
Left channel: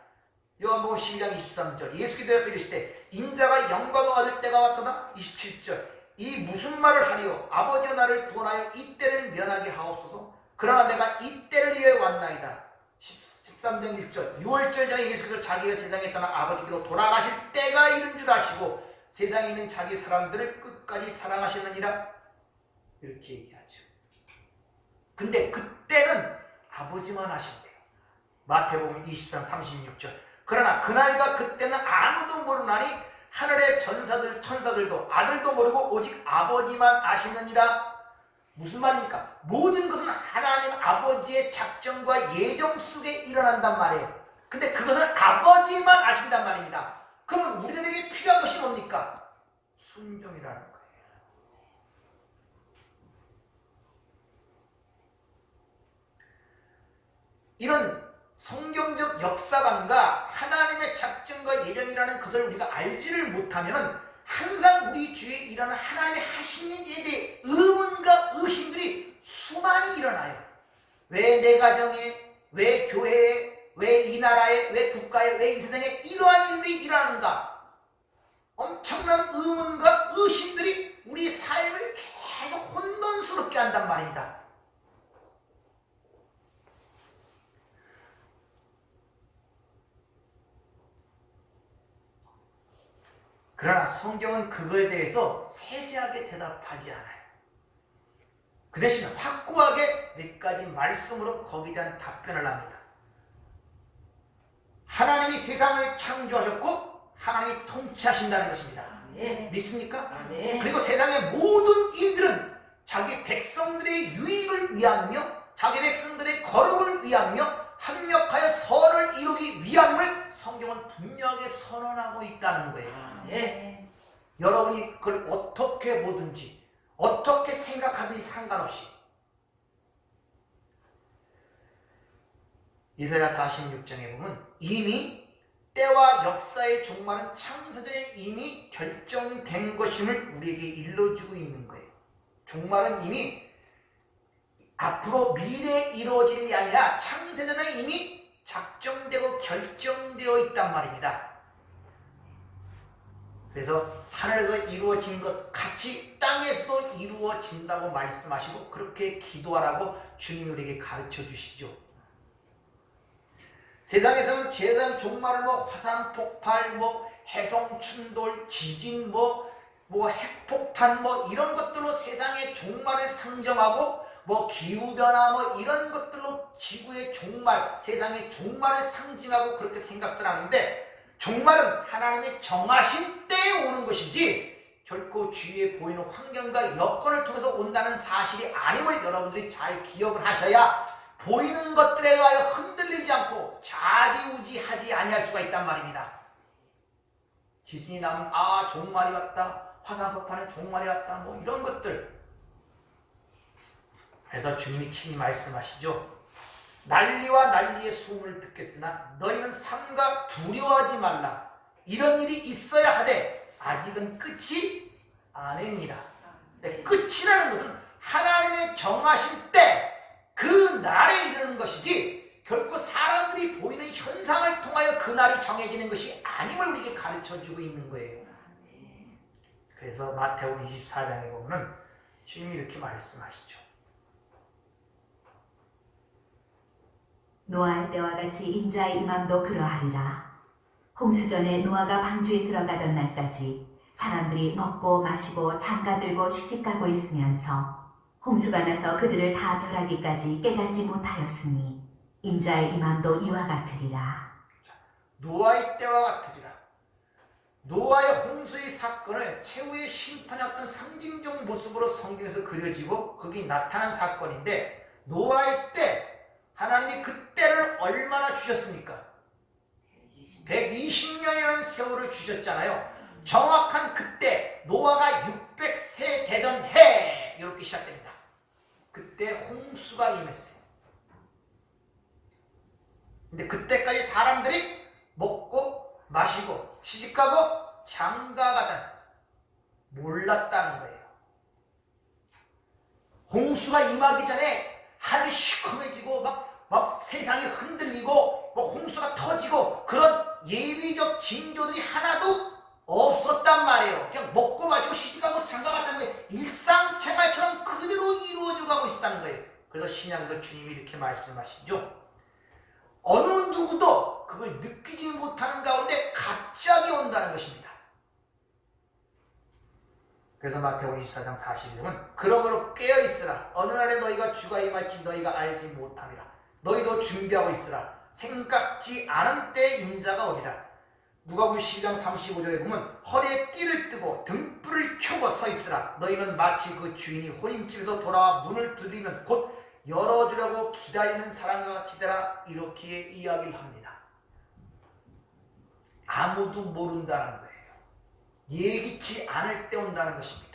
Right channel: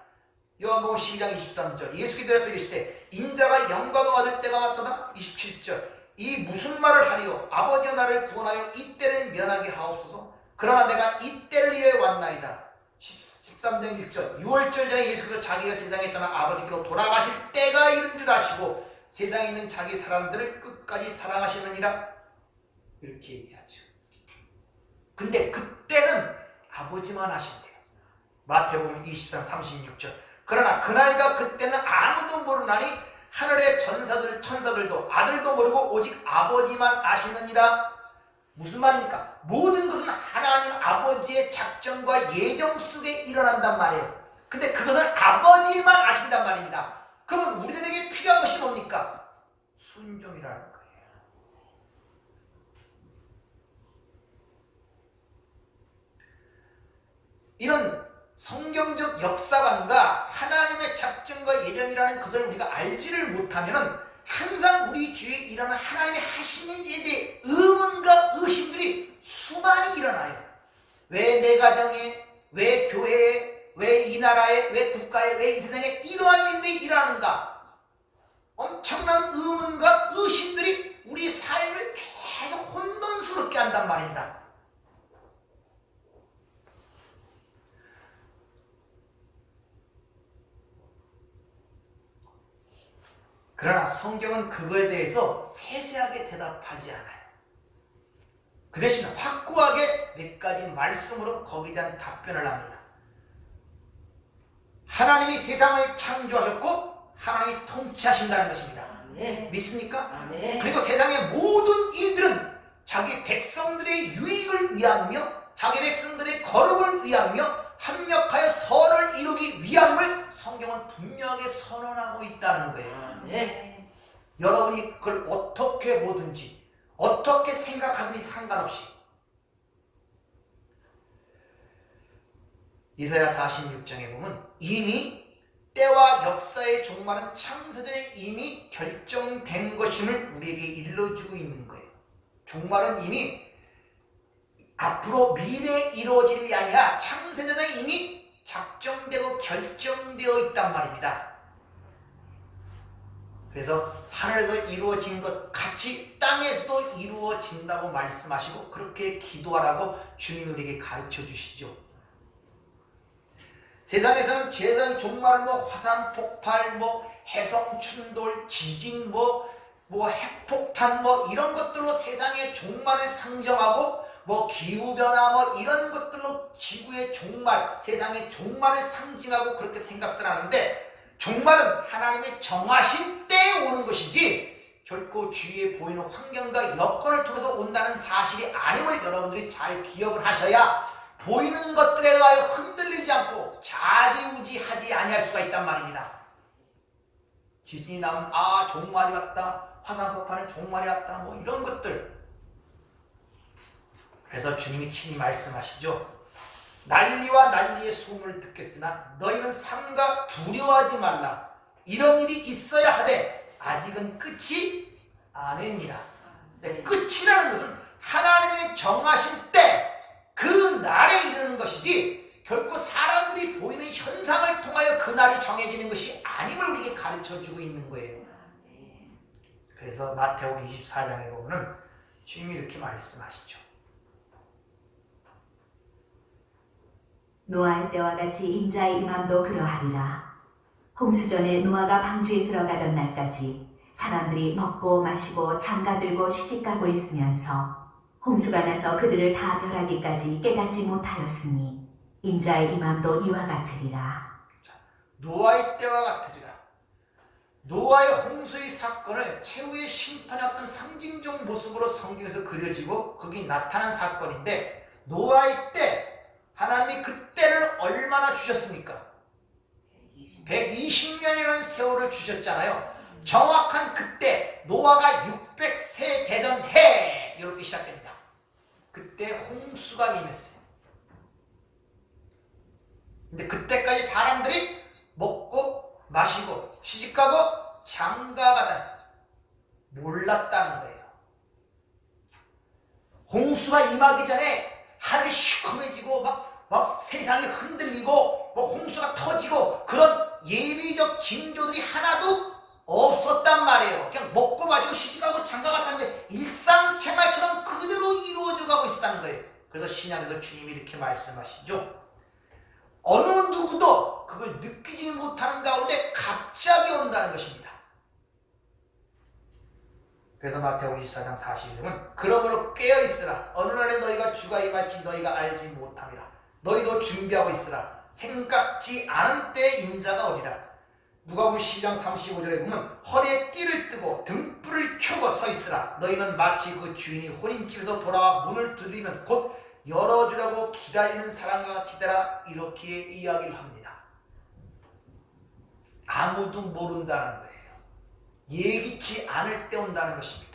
요한복음 12장 23절 예수께서 대답하여 이르시되 인자가 영광을 얻을 때가 왔도다. 27절 이 무슨 말을 하리요? 아버지가 나를 구원하여 이 때를 면하게 하옵소서. 그러나 내가 이 때를 위해 왔나이다. 13장 1절 6월절 전에 예수께서 자기가 세상에 떠나 아버지께로 돌아가실 때가 이른 줄 아시고 세상에 있는 자기 사람들을 끝까지 사랑하시느니라 이렇게 얘기하죠. 근데 그때는 아버지만 하신대요. 마태복음 20장 36절. 그러나 그날과 그때는 아무도 모르나니 하늘의 천사들도 아들도 모르고 오직 아버지만 아시느니라. 무슨 말입니까? 모든 것은 하나님 아버지의 작정과 예정 속에 일어난단 말이에요. 근데 그것은 아버지만 아신단 말입니다. 그러면 우리들에게 필요한 것이 뭡니까? 순종이라는 거예요. 이런 성경적 역사관과 하나님의 작정과 예정이라는 것을 우리가 알지를 못하면은 항상 우리 주위에 일어나는 하나님의 하시는 일에 대해 의문과 의심들이 수많이 일어나요. 왜 내 가정에, 왜 교회에, 왜 이 나라에, 왜 국가에, 왜 이 세상에 이러한 일들이 일어나는가? 엄청난 의문과 의심들이 우리 삶을 계속 혼돈스럽게 한단 말입니다. 그러나 성경은 그거에 대해서 세세하게 대답하지 않아요. 그 대신 확고하게 몇 가지 말씀으로 거기에 대한 답변을 합니다. 하나님이 세상을 창조하셨고 하나님이 통치하신다는 것입니다. 믿습니까? 그리고 세상의 모든 일들은 자기 백성들의 유익을 위하며 자기 백성들의 거룩을 위하며 합력하여 선을 이루기 위함을 성경은 분명하게 선언하고 있다는 거예요. 여러분이 그걸 어떻게 보든지 어떻게 생각하든지 상관없이 이사야 46장에 보면 이미 때와 역사의 종말은 창세전에 이미 결정된 것임을 우리에게 일러주고 있는 거예요. 종말은 이미 앞으로 미래에 이루어질 일이 아니라 창세전에 이미 작정되고 결정되어 있단 말입니다. 그래서 하늘에서 이루어진 것 같이 땅에서도 이루어진다고 말씀하시고 그렇게 기도하라고 주님 우리에게 가르쳐 주시죠. 세상에서는 세상 종말을 화산 폭발, 해성 충돌, 지진, 핵폭탄 이런 것들로 세상의 종말을 상정하고 기후변화 이런 것들로 지구의 종말, 세상의 종말을 상징하고 그렇게 생각들 하는데 종말은 하나님의 정하신 때에 오는 것이지 결코 주위에 보이는 환경과 여건을 통해서 온다는 사실이 아님을 여러분들이 잘 기억을 하셔야 보이는 것들에 의하여 흔들리지 않고 좌지우지하지 아니할 수가 있단 말입니다. 지진이 나면 종말이 왔다, 화산폭발은 종말이 왔다, 이런 것들. 그래서 주님이 친히 말씀하시죠. 난리와 난리의 소음을 듣겠으나 너희는 삼가 두려워하지 말라. 이런 일이 있어야 하되 아직은 끝이 아니니라. 끝이라는 것은 하나님의 정하실 때 그 날에 이르는 것이지 결코 사람들이 보이는 현상을 통하여 그 날이 정해지는 것이 아님을 우리에게 가르쳐주고 있는 거예요. 그래서 마태복음 24장에 보면 주님이 이렇게 말씀하시죠. 노아의 때와 같이 인자의 임함도 그러하리라. 홍수전에 노아가 방주에 들어가던 날까지 사람들이 먹고 마시고 장가들고 시집가고 있으면서 홍수가 나서 그들을 다 멸하기까지 깨닫지 못하였으니 인자의 임함도 이와 같으리라. 노아의 때와 같으리라. 노아의 홍수의 사건을 최후의 심판의 어떤 상징적 모습으로 성경에서 그려지고 거기 나타난 사건인데 노아의 때 하나님이 그 때를 얼마나 주셨습니까? 120년이라는 세월을 주셨잖아요. 정확한 그때 노아가 600세 되던 해 이렇게 시작됩니다. 그때 홍수가 임했어요. 근데 그때까지 사람들이 먹고 마시고 시집가고 장가가다 몰랐다는 거예요. 홍수가 임하기 전에 하늘이 시커매지고 막 세상이 흔들리고 홍수가 터지고 그런 예비적 징조들이 하나도 없었단 말이에요. 그냥 먹고 마시고 시집가고 장가갔다는 게 일상생활처럼 그대로 이루어져 가고 있었다는 거예요. 그래서 신약에서 주님이 이렇게 말씀하시죠. 어느 누구도 그걸 느끼지 못하는 가운데 갑자기 온다는 것입니다. 그래서 마태복음 24장 41절은 그러므로 깨어있으라. 어느 날에 너희가 주가 임할지 너희가 알지 못함이라. 너희도 준비하고 있으라. 생각지 않은 때 인자가 오리라. 누가복음 12장 35절에 보면 허리에 띠를 뜨고 등불을 켜고 서 있으라. 너희는 마치 그 주인이 혼인집에서 돌아와 문을 두드리면 곧 열어주려고 기다리는 사람과 같이 되라. 이렇게 이야기를 합니다. 아무도 모른다는 거예요. 예기치 않을 때 온다는 것입니다.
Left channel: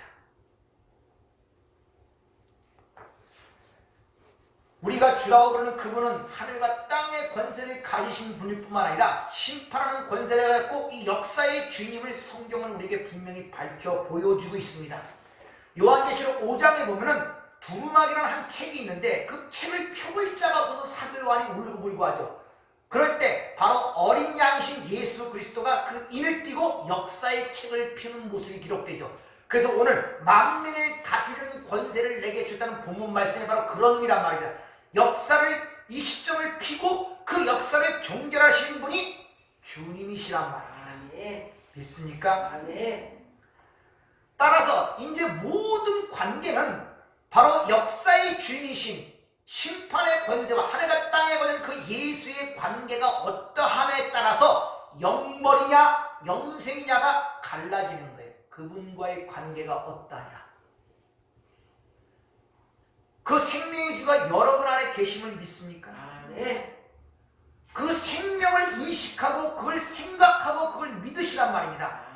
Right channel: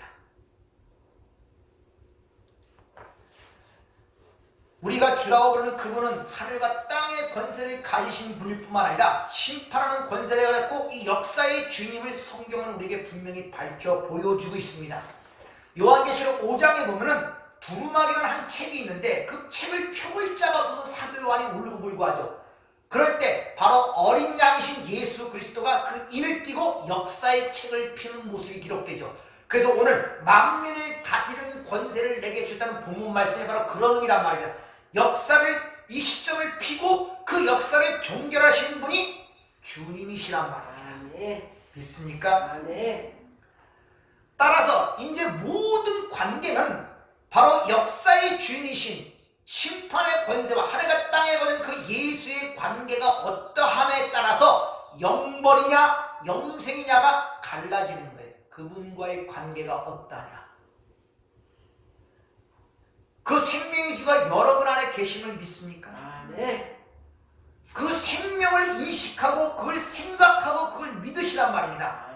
우리가 주라고 부르는 그분은 하늘과 땅의 권세를 가지신 분일 뿐만 아니라 심판하는 권세를 갖고 이 역사의 주님을 성경은 우리에게 분명히 밝혀 보여주고 있습니다. 요한계시록 5장에 보면은 두루마기라는 한 책이 있는데 그 책을 펴볼 자가 없어서 사도 요한이 울고불고 하죠. 그럴 때 바로 어린 양이신 예수 그리스도가 그 인을 띠고 역사의 책을 펴는 모습이 기록되죠. 그래서 오늘 만민을 다스리는 권세를 내게 주다는 본문 말씀이 바로 그런 의미란 말입니다. 역사를 이 시점을 피고 그 역사를 종결하시는 분이 주님이시란 말입니다. 믿습니까? 따라서 이제 모든 관계는 바로 역사의 주인이신 심판의 권세와 하늘과 땅의 권세는 그 예수의 관계가 어떠함에 따라서 영벌이냐 영생이냐가 갈라지는 거예요. 그분과의 관계가 어떠냐. 그 생명의 주가 여러분 안에 계심을 믿습니까? 그 생명을 인식하고 그걸 생각하고 그걸 믿으시란 말입니다.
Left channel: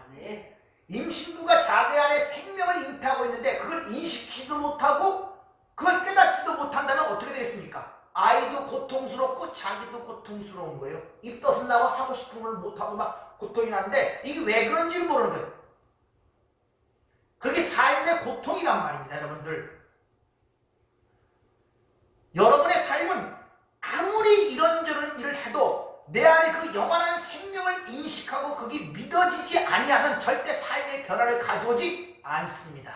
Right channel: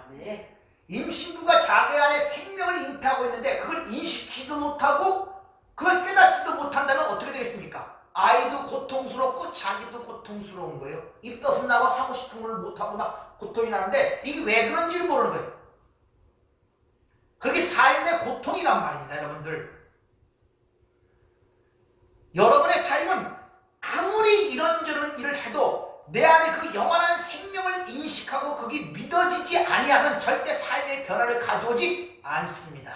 임신부가 자기 안에 생명을 잉태하고 있는데 그걸 인식하지도 못하고 그걸 깨닫지도 못한다면 어떻게 되겠습니까? 아이도 고통스럽고 자기도 고통스러운 거예요. 입덧은 나고 하고 싶은 걸 못하고 막 고통이 나는데 이게 왜 그런지를 모르는 거예요. 그게 삶의 고통이란 말입니다. 여러분들, 여러분의 삶은 아무리 이런저런 일을 해도 내 안에 그 영원한 생명을 인식하고 그게 믿어지지 아니하면 절대 삶의 변화를 가져오지 않습니다.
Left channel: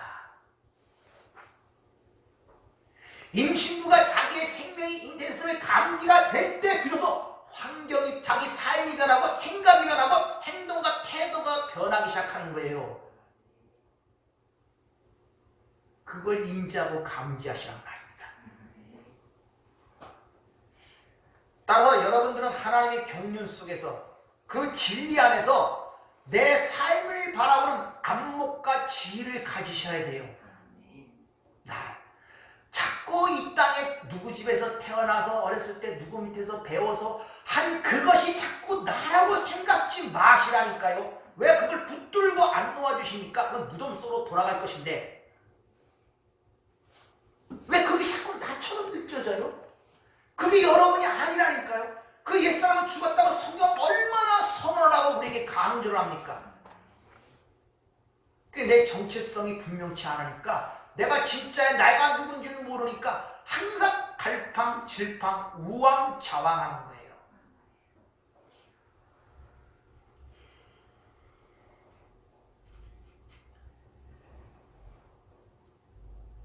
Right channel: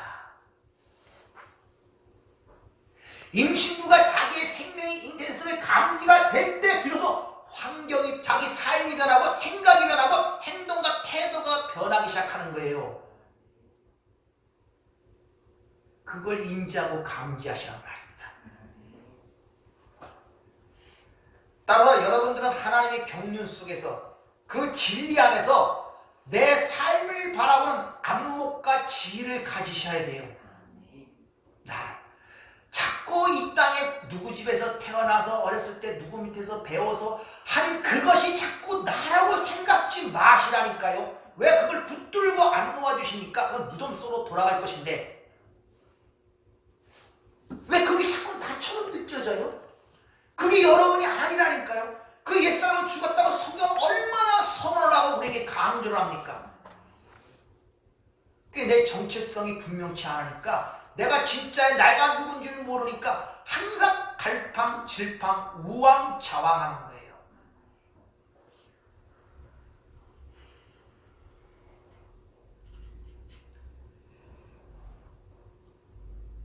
임신부가 자기의 생명이 잉태됐음을 감지가 될 때 비로소 환경이, 자기 삶이 변하고 생각이 변하고 행동과 태도가 변하기 시작하는 거예요. 그걸 인지하고 감지하시란 말입니다. 따라서 여러분들은 하나님의 경륜 속에서 그 진리 안에서 내 삶을 바라보는 안목과 지혜를 가지셔야 돼요. 자꾸 이 땅에 누구 집에서 태어나서 어렸을 때 누구 밑에서 배워서 한 그것이 자꾸 나라고 생각지 마시라니까요. 왜 그걸 붙들고 안 놓아주시니까 그건 무덤 속으로 돌아갈 것인데 왜 그게 자꾸 나처럼 느껴져요? 그게 여러분이 아니라니까요. 그 옛사람은 죽었다고 성경은 얼마나 선언을 하고 우리에게 강조를 합니까? 그게 내 정체성이 분명치 않으니까 내가 진짜의 내가 누군지를 모르니까 항상 갈팡질팡 우왕좌왕하는 거예요.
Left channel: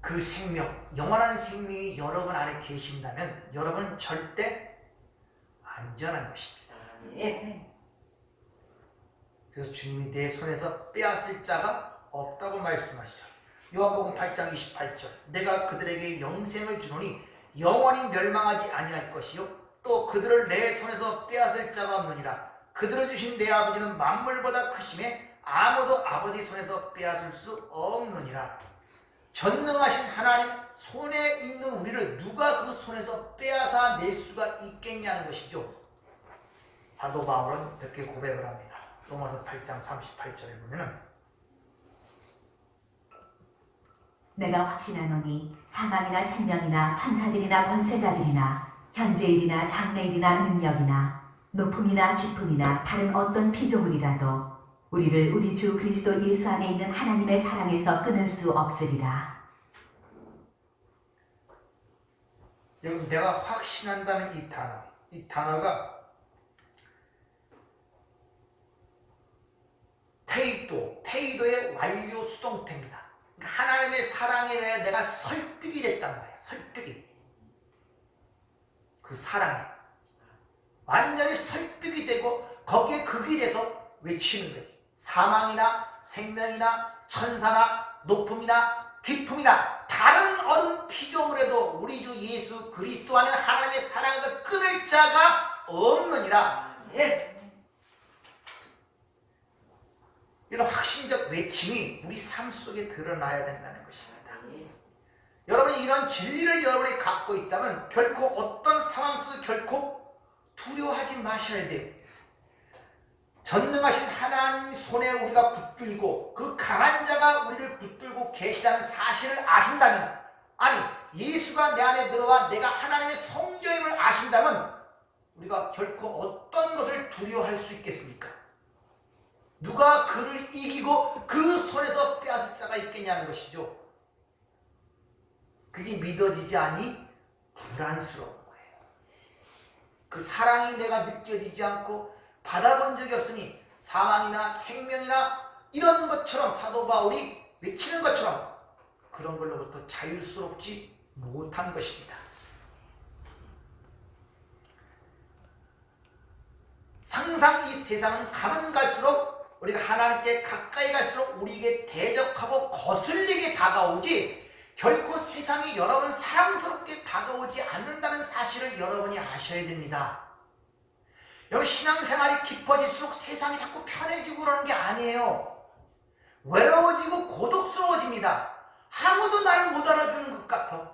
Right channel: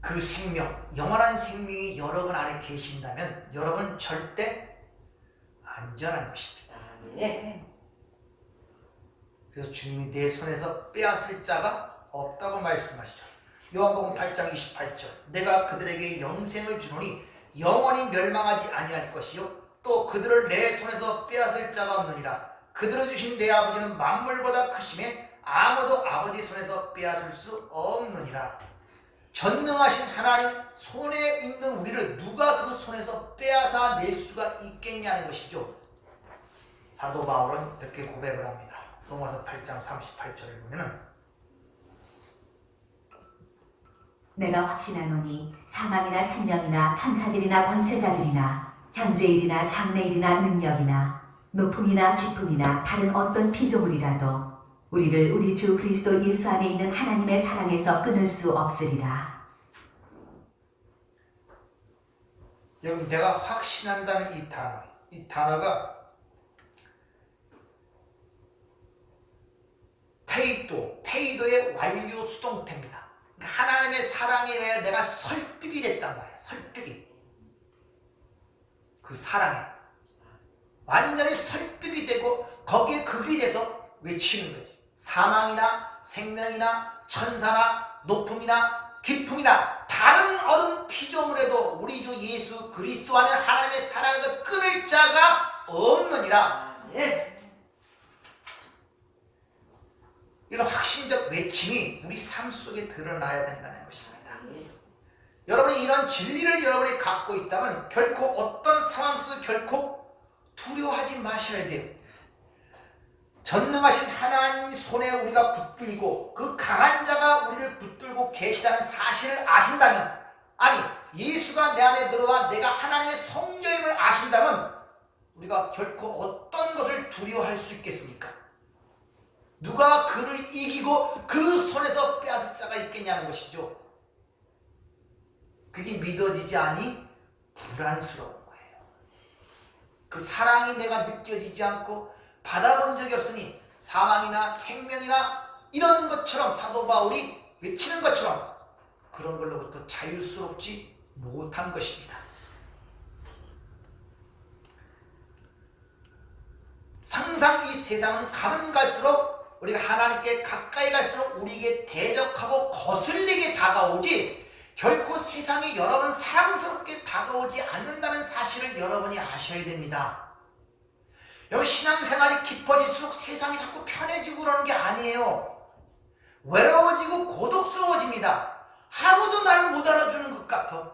그 생명, 영원한 생명이 여러분 안에 계신다면 여러분은 절대 안전한 것입니다. 그래서 주님이 내 손에서 빼앗을 자가 없다고 말씀하시죠. 요한복음 8장 28절 내가 그들에게 영생을 주노니 영원히 멸망하지 아니할 것이요 또 그들을 내 손에서 빼앗을 자가 없느니라. 그들을 주신 내 아버지는 만물보다 크심에 아무도 아버지 손에서 빼앗을 수 없느니라. 전능하신 하나님 손에 있는 우리를 누가 그 손에서 빼앗아 낼 수가 있겠냐는 것이죠. 사도 바울은 이렇게 고백을 합니다. 로마서 8장 38절을 보면은 내가 확신하노니 사망이나 생명이나 천사들이나 권세자들이나 현재일이나 장래일이나 능력이나 높음이나 깊음이나 다른 어떤 피조물이라도 우리를 우리 주 그리스도 예수 안에 있는 하나님의 사랑에서 끊을 수 없으리라. 여러분, 내가 확신한다는 이 단어가 페이도의 완료 수동태입니다. 그러니까 하나님의 사랑에 대해 내가 설득이 됐단 말이에요. 설득이. 그 사랑에 완전히 설득이 되고 거기에 극이 돼서 외치는 거지. 사망이나 생명이나 천사나 높음이나 깊음이나 다른 어떤 피조물에도 우리 주 예수 그리스도 안에 하나님의 사랑에서 끊을 자가 없느니라. 아멘. 이런 확신적 외침이 우리 삶 속에 드러나야 된다는 것입니다. 여러분이 이런 진리를 여러분이 갖고 있다면 결코 어떤 상황 속에서 결코 두려워하지 마셔야 돼요. 전능하신 하나님 손에 우리가 붙들리고 그 강한 자가 우리를 붙들고 계시다는 사실을 아신다면, 아니 예수가 내 안에 들어와 내가 하나님의 성자임을 아신다면 우리가 결코 어떤 것을 두려워할 수 있겠습니까? 누가 그를 이기고 그 손에서 빼앗을 자가 있겠냐는 것이죠. 그게 믿어지지 않니 불안스러운 거예요. 그 사랑이 내가 느껴지지 않고 받아본 적이 없으니 사망이나 생명이나 이런 것처럼 사도 바울이 외치는 것처럼 그런 걸로부터 자유스럽지 못한 것입니다. 항상 이 세상은 가면 갈수록 우리가 하나님께 가까이 갈수록 우리에게 대적하고 거슬리게 다가오지 결코 세상이 여러분 사랑스럽게 다가오지 않는다는 사실을 여러분이 아셔야 됩니다. 여러분 신앙생활이 깊어질수록 세상이 자꾸 편해지고 그러는 게 아니에요. 외로워지고 고독스러워집니다. 아무도 나를 못 알아주는 것 같아.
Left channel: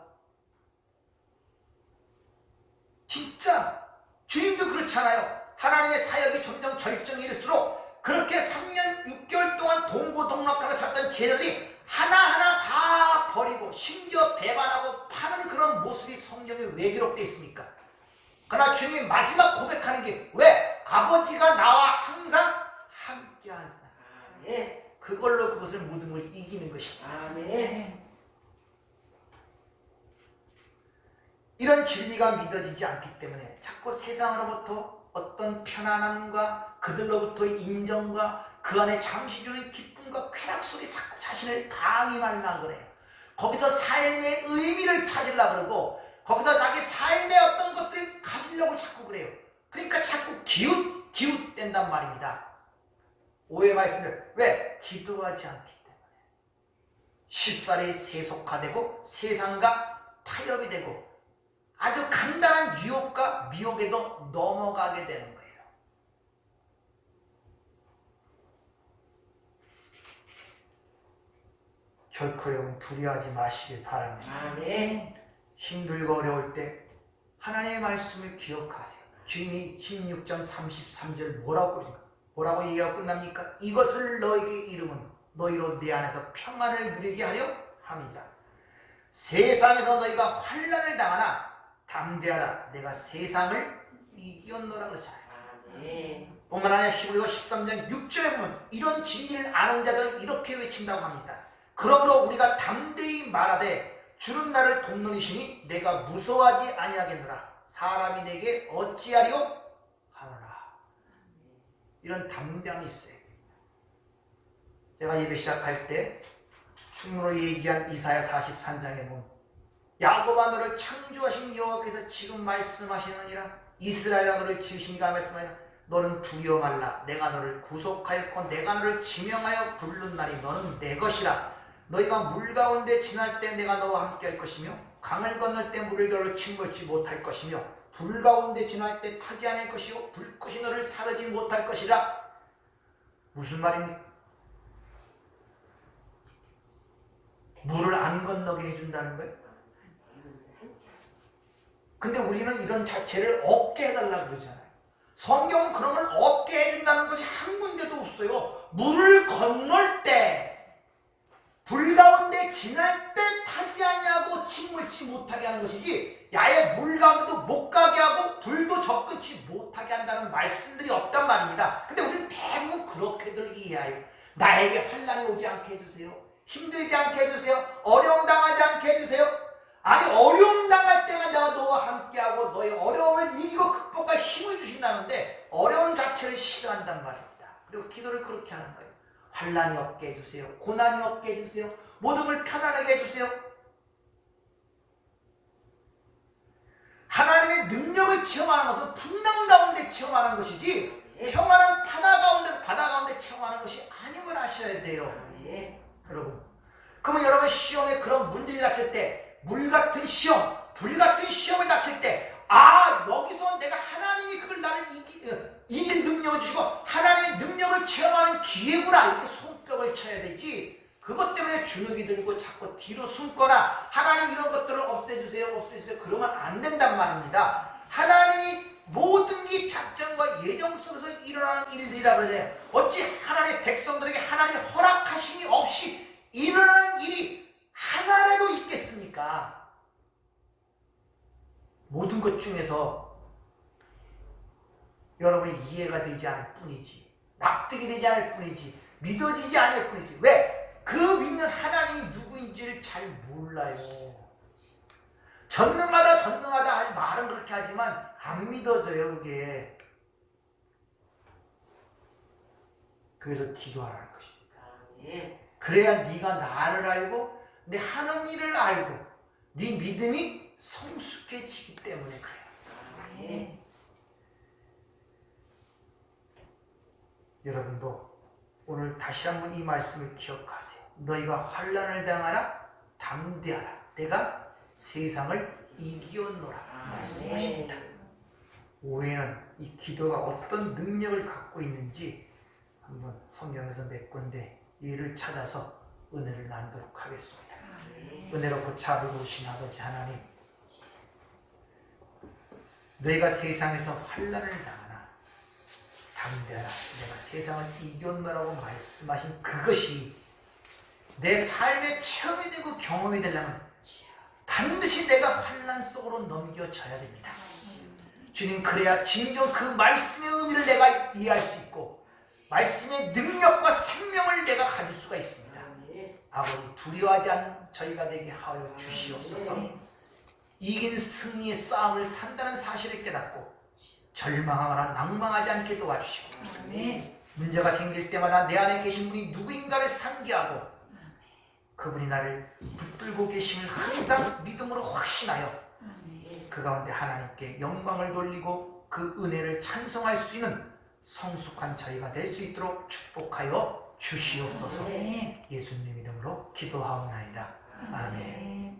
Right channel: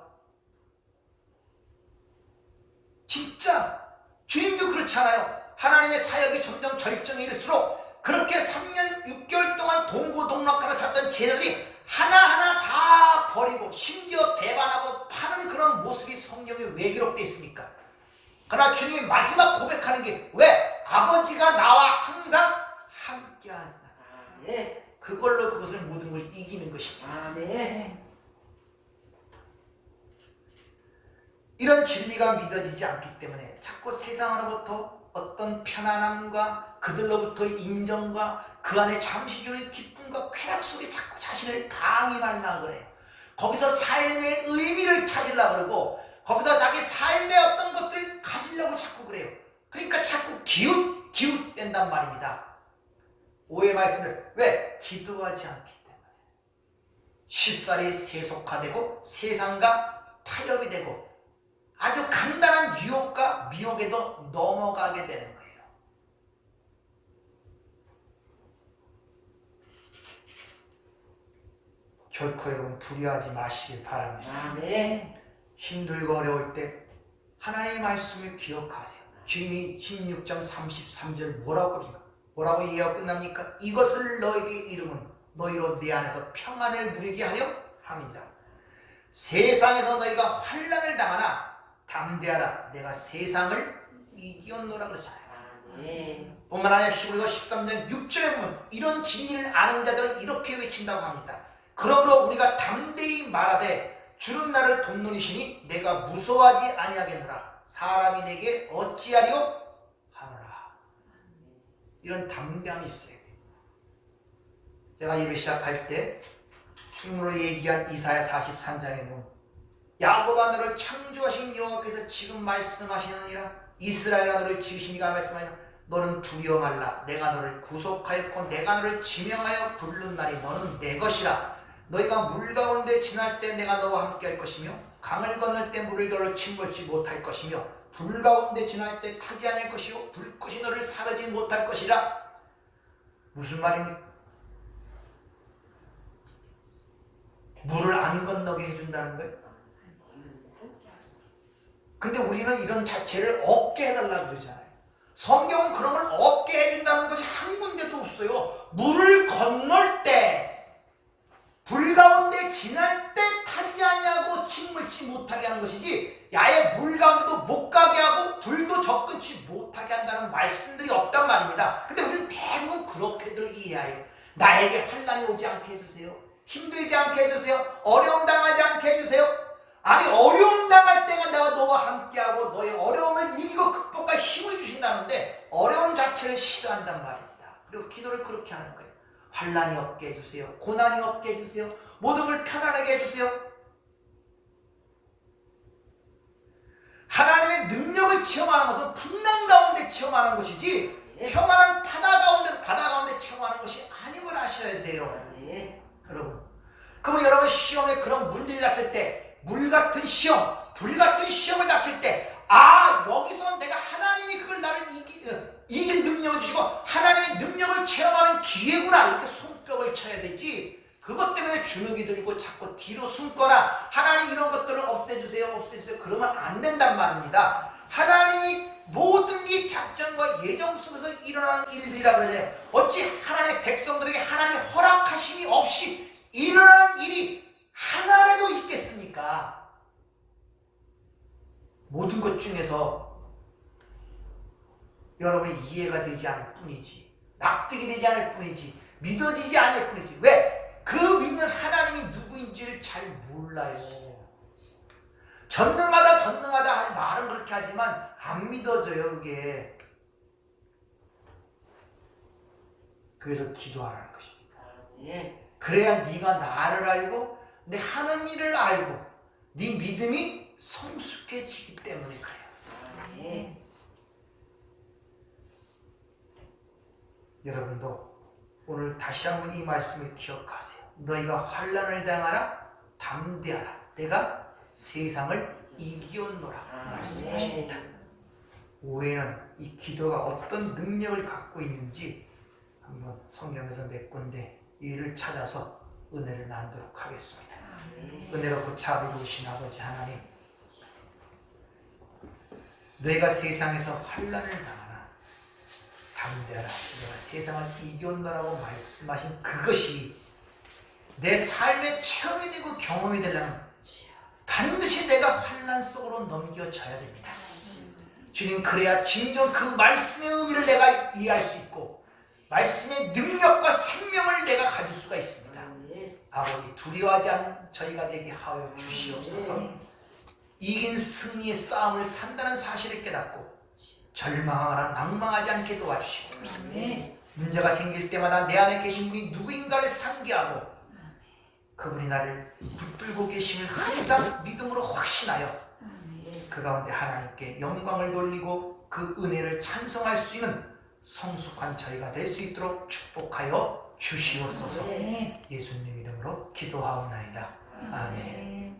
진짜 주님도 그렇잖아요. 하나님의 사역이 점점 절정에 이를수록 그렇게 3년 6개월 동안 동고동락하며 살던 제자들이 하나하나 다 버리고 심지어 배반하고 파는 그런 모습이 성경에 왜 기록되어 있습니까? 그러나 주님이 마지막 고백하는 게 왜? 아버지가 나와 항상 함께한다. 아멘. 그걸로 그것을 모든 걸 이기는 것입니다. 아멘. 이런 진리가 믿어지지 않기 때문에 자꾸 세상으로부터 어떤 편안함과 그들로부터의 인정과 그 안에 잠시 주는 기쁨과 쾌락 속에 자꾸 자신을 방임하려고 그래요. 거기서 삶의 의미를 찾으려고 그러고 거기서 자기 삶의 어떤 것들을 가지려고 자꾸 그래요. 그러니까 자꾸 기웃된단 말입니다. 오해 말씀을 왜? 기도하지 않기 때문에 쉽사리 세속화되고 세상과 타협이 되고 아주 간단한 유혹과 미혹에도 넘어가게 되는 거예요. 결코 여러분 두려워하지 마시길 바랍니다. 아멘. 힘들고 어려울 때 하나님의 말씀을 기억하세요. 주님이 16장 33절 뭐라고 얘기하고 끝납니까? 이것을 너에게 이름은 너희로 내 안에서 평안을 누리게 하려 함이라. 세상에서 너희가 환난을 당하나 담대하라. 내가 세상을 이겼노라 그러잖아요. 아멘. 뿐만 아니라 히브리서 13장 6절에 보면 이런 진리를 아는 자들은 이렇게 외친다고 합니다. 그러므로 우리가 담대히 말하되 주는 나를 돕느니시니 내가 무서워하지 아니하겠노라. 사람이 내게 어찌하리요 하노라. 이런 담대함이 있어요. 제가 예배 시작할 때 충문으로 얘기한 이사야 43장에 보면 야곱아 너를 창조하신 여호와께서 지금 말씀하시느니라. 이스라엘아 너를 지으시니가 말씀하니라. 너는 두려워 말라. 내가 너를 구속하였고 내가 너를 지명하여 부른 날이 너는 내 것이라. 너희가 물 가운데 지날 때 내가 너와 함께 할 것이며 강을 건널 때 물을 너를 침몰치 못할 것이며 불 가운데 지날 때 타지 않을 것이요 불꽃이 너를 사르지 못할 것이라. 무슨 말입니까? 물을 안 건너게 해준다는 거예요. 근데 우리는 이런 자체를 없게 해달라고 그러잖아요. 성경은 그런 걸 없게 해준다는 것이 한 군데도 없어요. 물을 건널 때 불 가운데 지날 때 타지 아니하고 침몰치 못하게 하는 것이지 야외 물 가운데도 못 가게 하고 불도 접근치 못하게 한다는 말씀들이 없단 말입니다. 근데 우리는 대부분 그렇게들 이해해요. 나에게 환난이 오지 않게 해주세요. 힘들지 않게 해주세요. 어려움 당하지 않게 해주세요. 아니 어려움 당할 때가 내가 너와 함께하고 너의 어려움을 이기고 극복할 힘을 주신다는데 어려움 자체를 싫어한단 말입니다. 그리고 기도를 그렇게 하는 거예요. 환난이 없게 해주세요. 고난이 없게 해주세요. 모든 걸 편안하게 해주세요. 하나님의 능력을 체험하는 것은 풍랑 가운데 체험하는 것이지 평안한 바다 가운데 체험하는 것이 아닌 걸 아셔야 돼요. 여러분, 그러면 여러분 시험에 그런 문제를 닥칠 때 물 같은 시험, 불 같은 시험을 닥칠 때 여기서 내가 하나님이 그걸 나를 이길 능력을 주시고 하나님의 능력을 체험하는 기회구나 이렇게 손뼉을 쳐야 되지. 그것 때문에 주눅이 들고 자꾸 뒤로 숨거나 하나님 이런 것들을 없애주세요 그러면 안 된단 말입니다. 하나님이 모든 이 작전과 예정 속에서 일어나는 일들이라 그러잖아요. 어찌 하나님의 백성들에게 하나님의 허락하심이 없이 일어나는 일이 하나라도 있겠습니까? 모든 것 중에서 여러분이 이해가 되지 않을 뿐이지, 납득이 되지 않을 뿐이지, 믿어지지 않을 뿐이지. 왜? 그 믿는 하나님이 누구인지를 잘 몰라요. 전능하다 하지 말은 그렇게 하지만 안 믿어져요 그게. 그래서 기도하라는 것입니다. 예. 그래야 네가 나를 알고 내 하는 일을 알고 네 믿음이 성숙해지기 때문에 그래요. 예. 여러분도 오늘 다시 한번 이 말씀을 기억하세요. 너희가 환난을 당하라 담대하라 내가 세상을 이기었노라 말씀하십니다. 오해는 이 기도가 어떤 능력을 갖고 있는지 한번 성경에서 몇 군데 이를 찾아서 은혜를 나누도록 하겠습니다. 은혜롭고 자비로우신 아버지 하나님, 너희가 세상에서 환난을 당하나 담대하라 내가 세상을 이겼노라고 말씀하신 그것이 내 삶의 체험이 되고 경험이 되려면 반드시 내가 환난 속으로 넘겨져야 됩니다. 주님, 그래야 진정 그 말씀의 의미를 내가 이해할 수 있고 말씀의 능력과 생명을 내가 가질 수가 있습니다. 아버지, 두려워하지 않은 저희가 되게 하여 주시옵소서. 이긴 승리의 싸움을 산다는 사실을 깨닫고 절망하거나 낭망하지 않게 도와주시고 문제가 생길 때마다 내 안에 계신 분이 누구인가를 상기하고 그분이 나를 붙들고 계심을 항상 믿음으로 확신하여 그 가운데 하나님께 영광을 돌리고 그 은혜를 찬송할 수 있는 성숙한 저희가 될 수 있도록 축복하여 주시옵소서. 예수님 이름으로 기도하옵나이다. 아멘.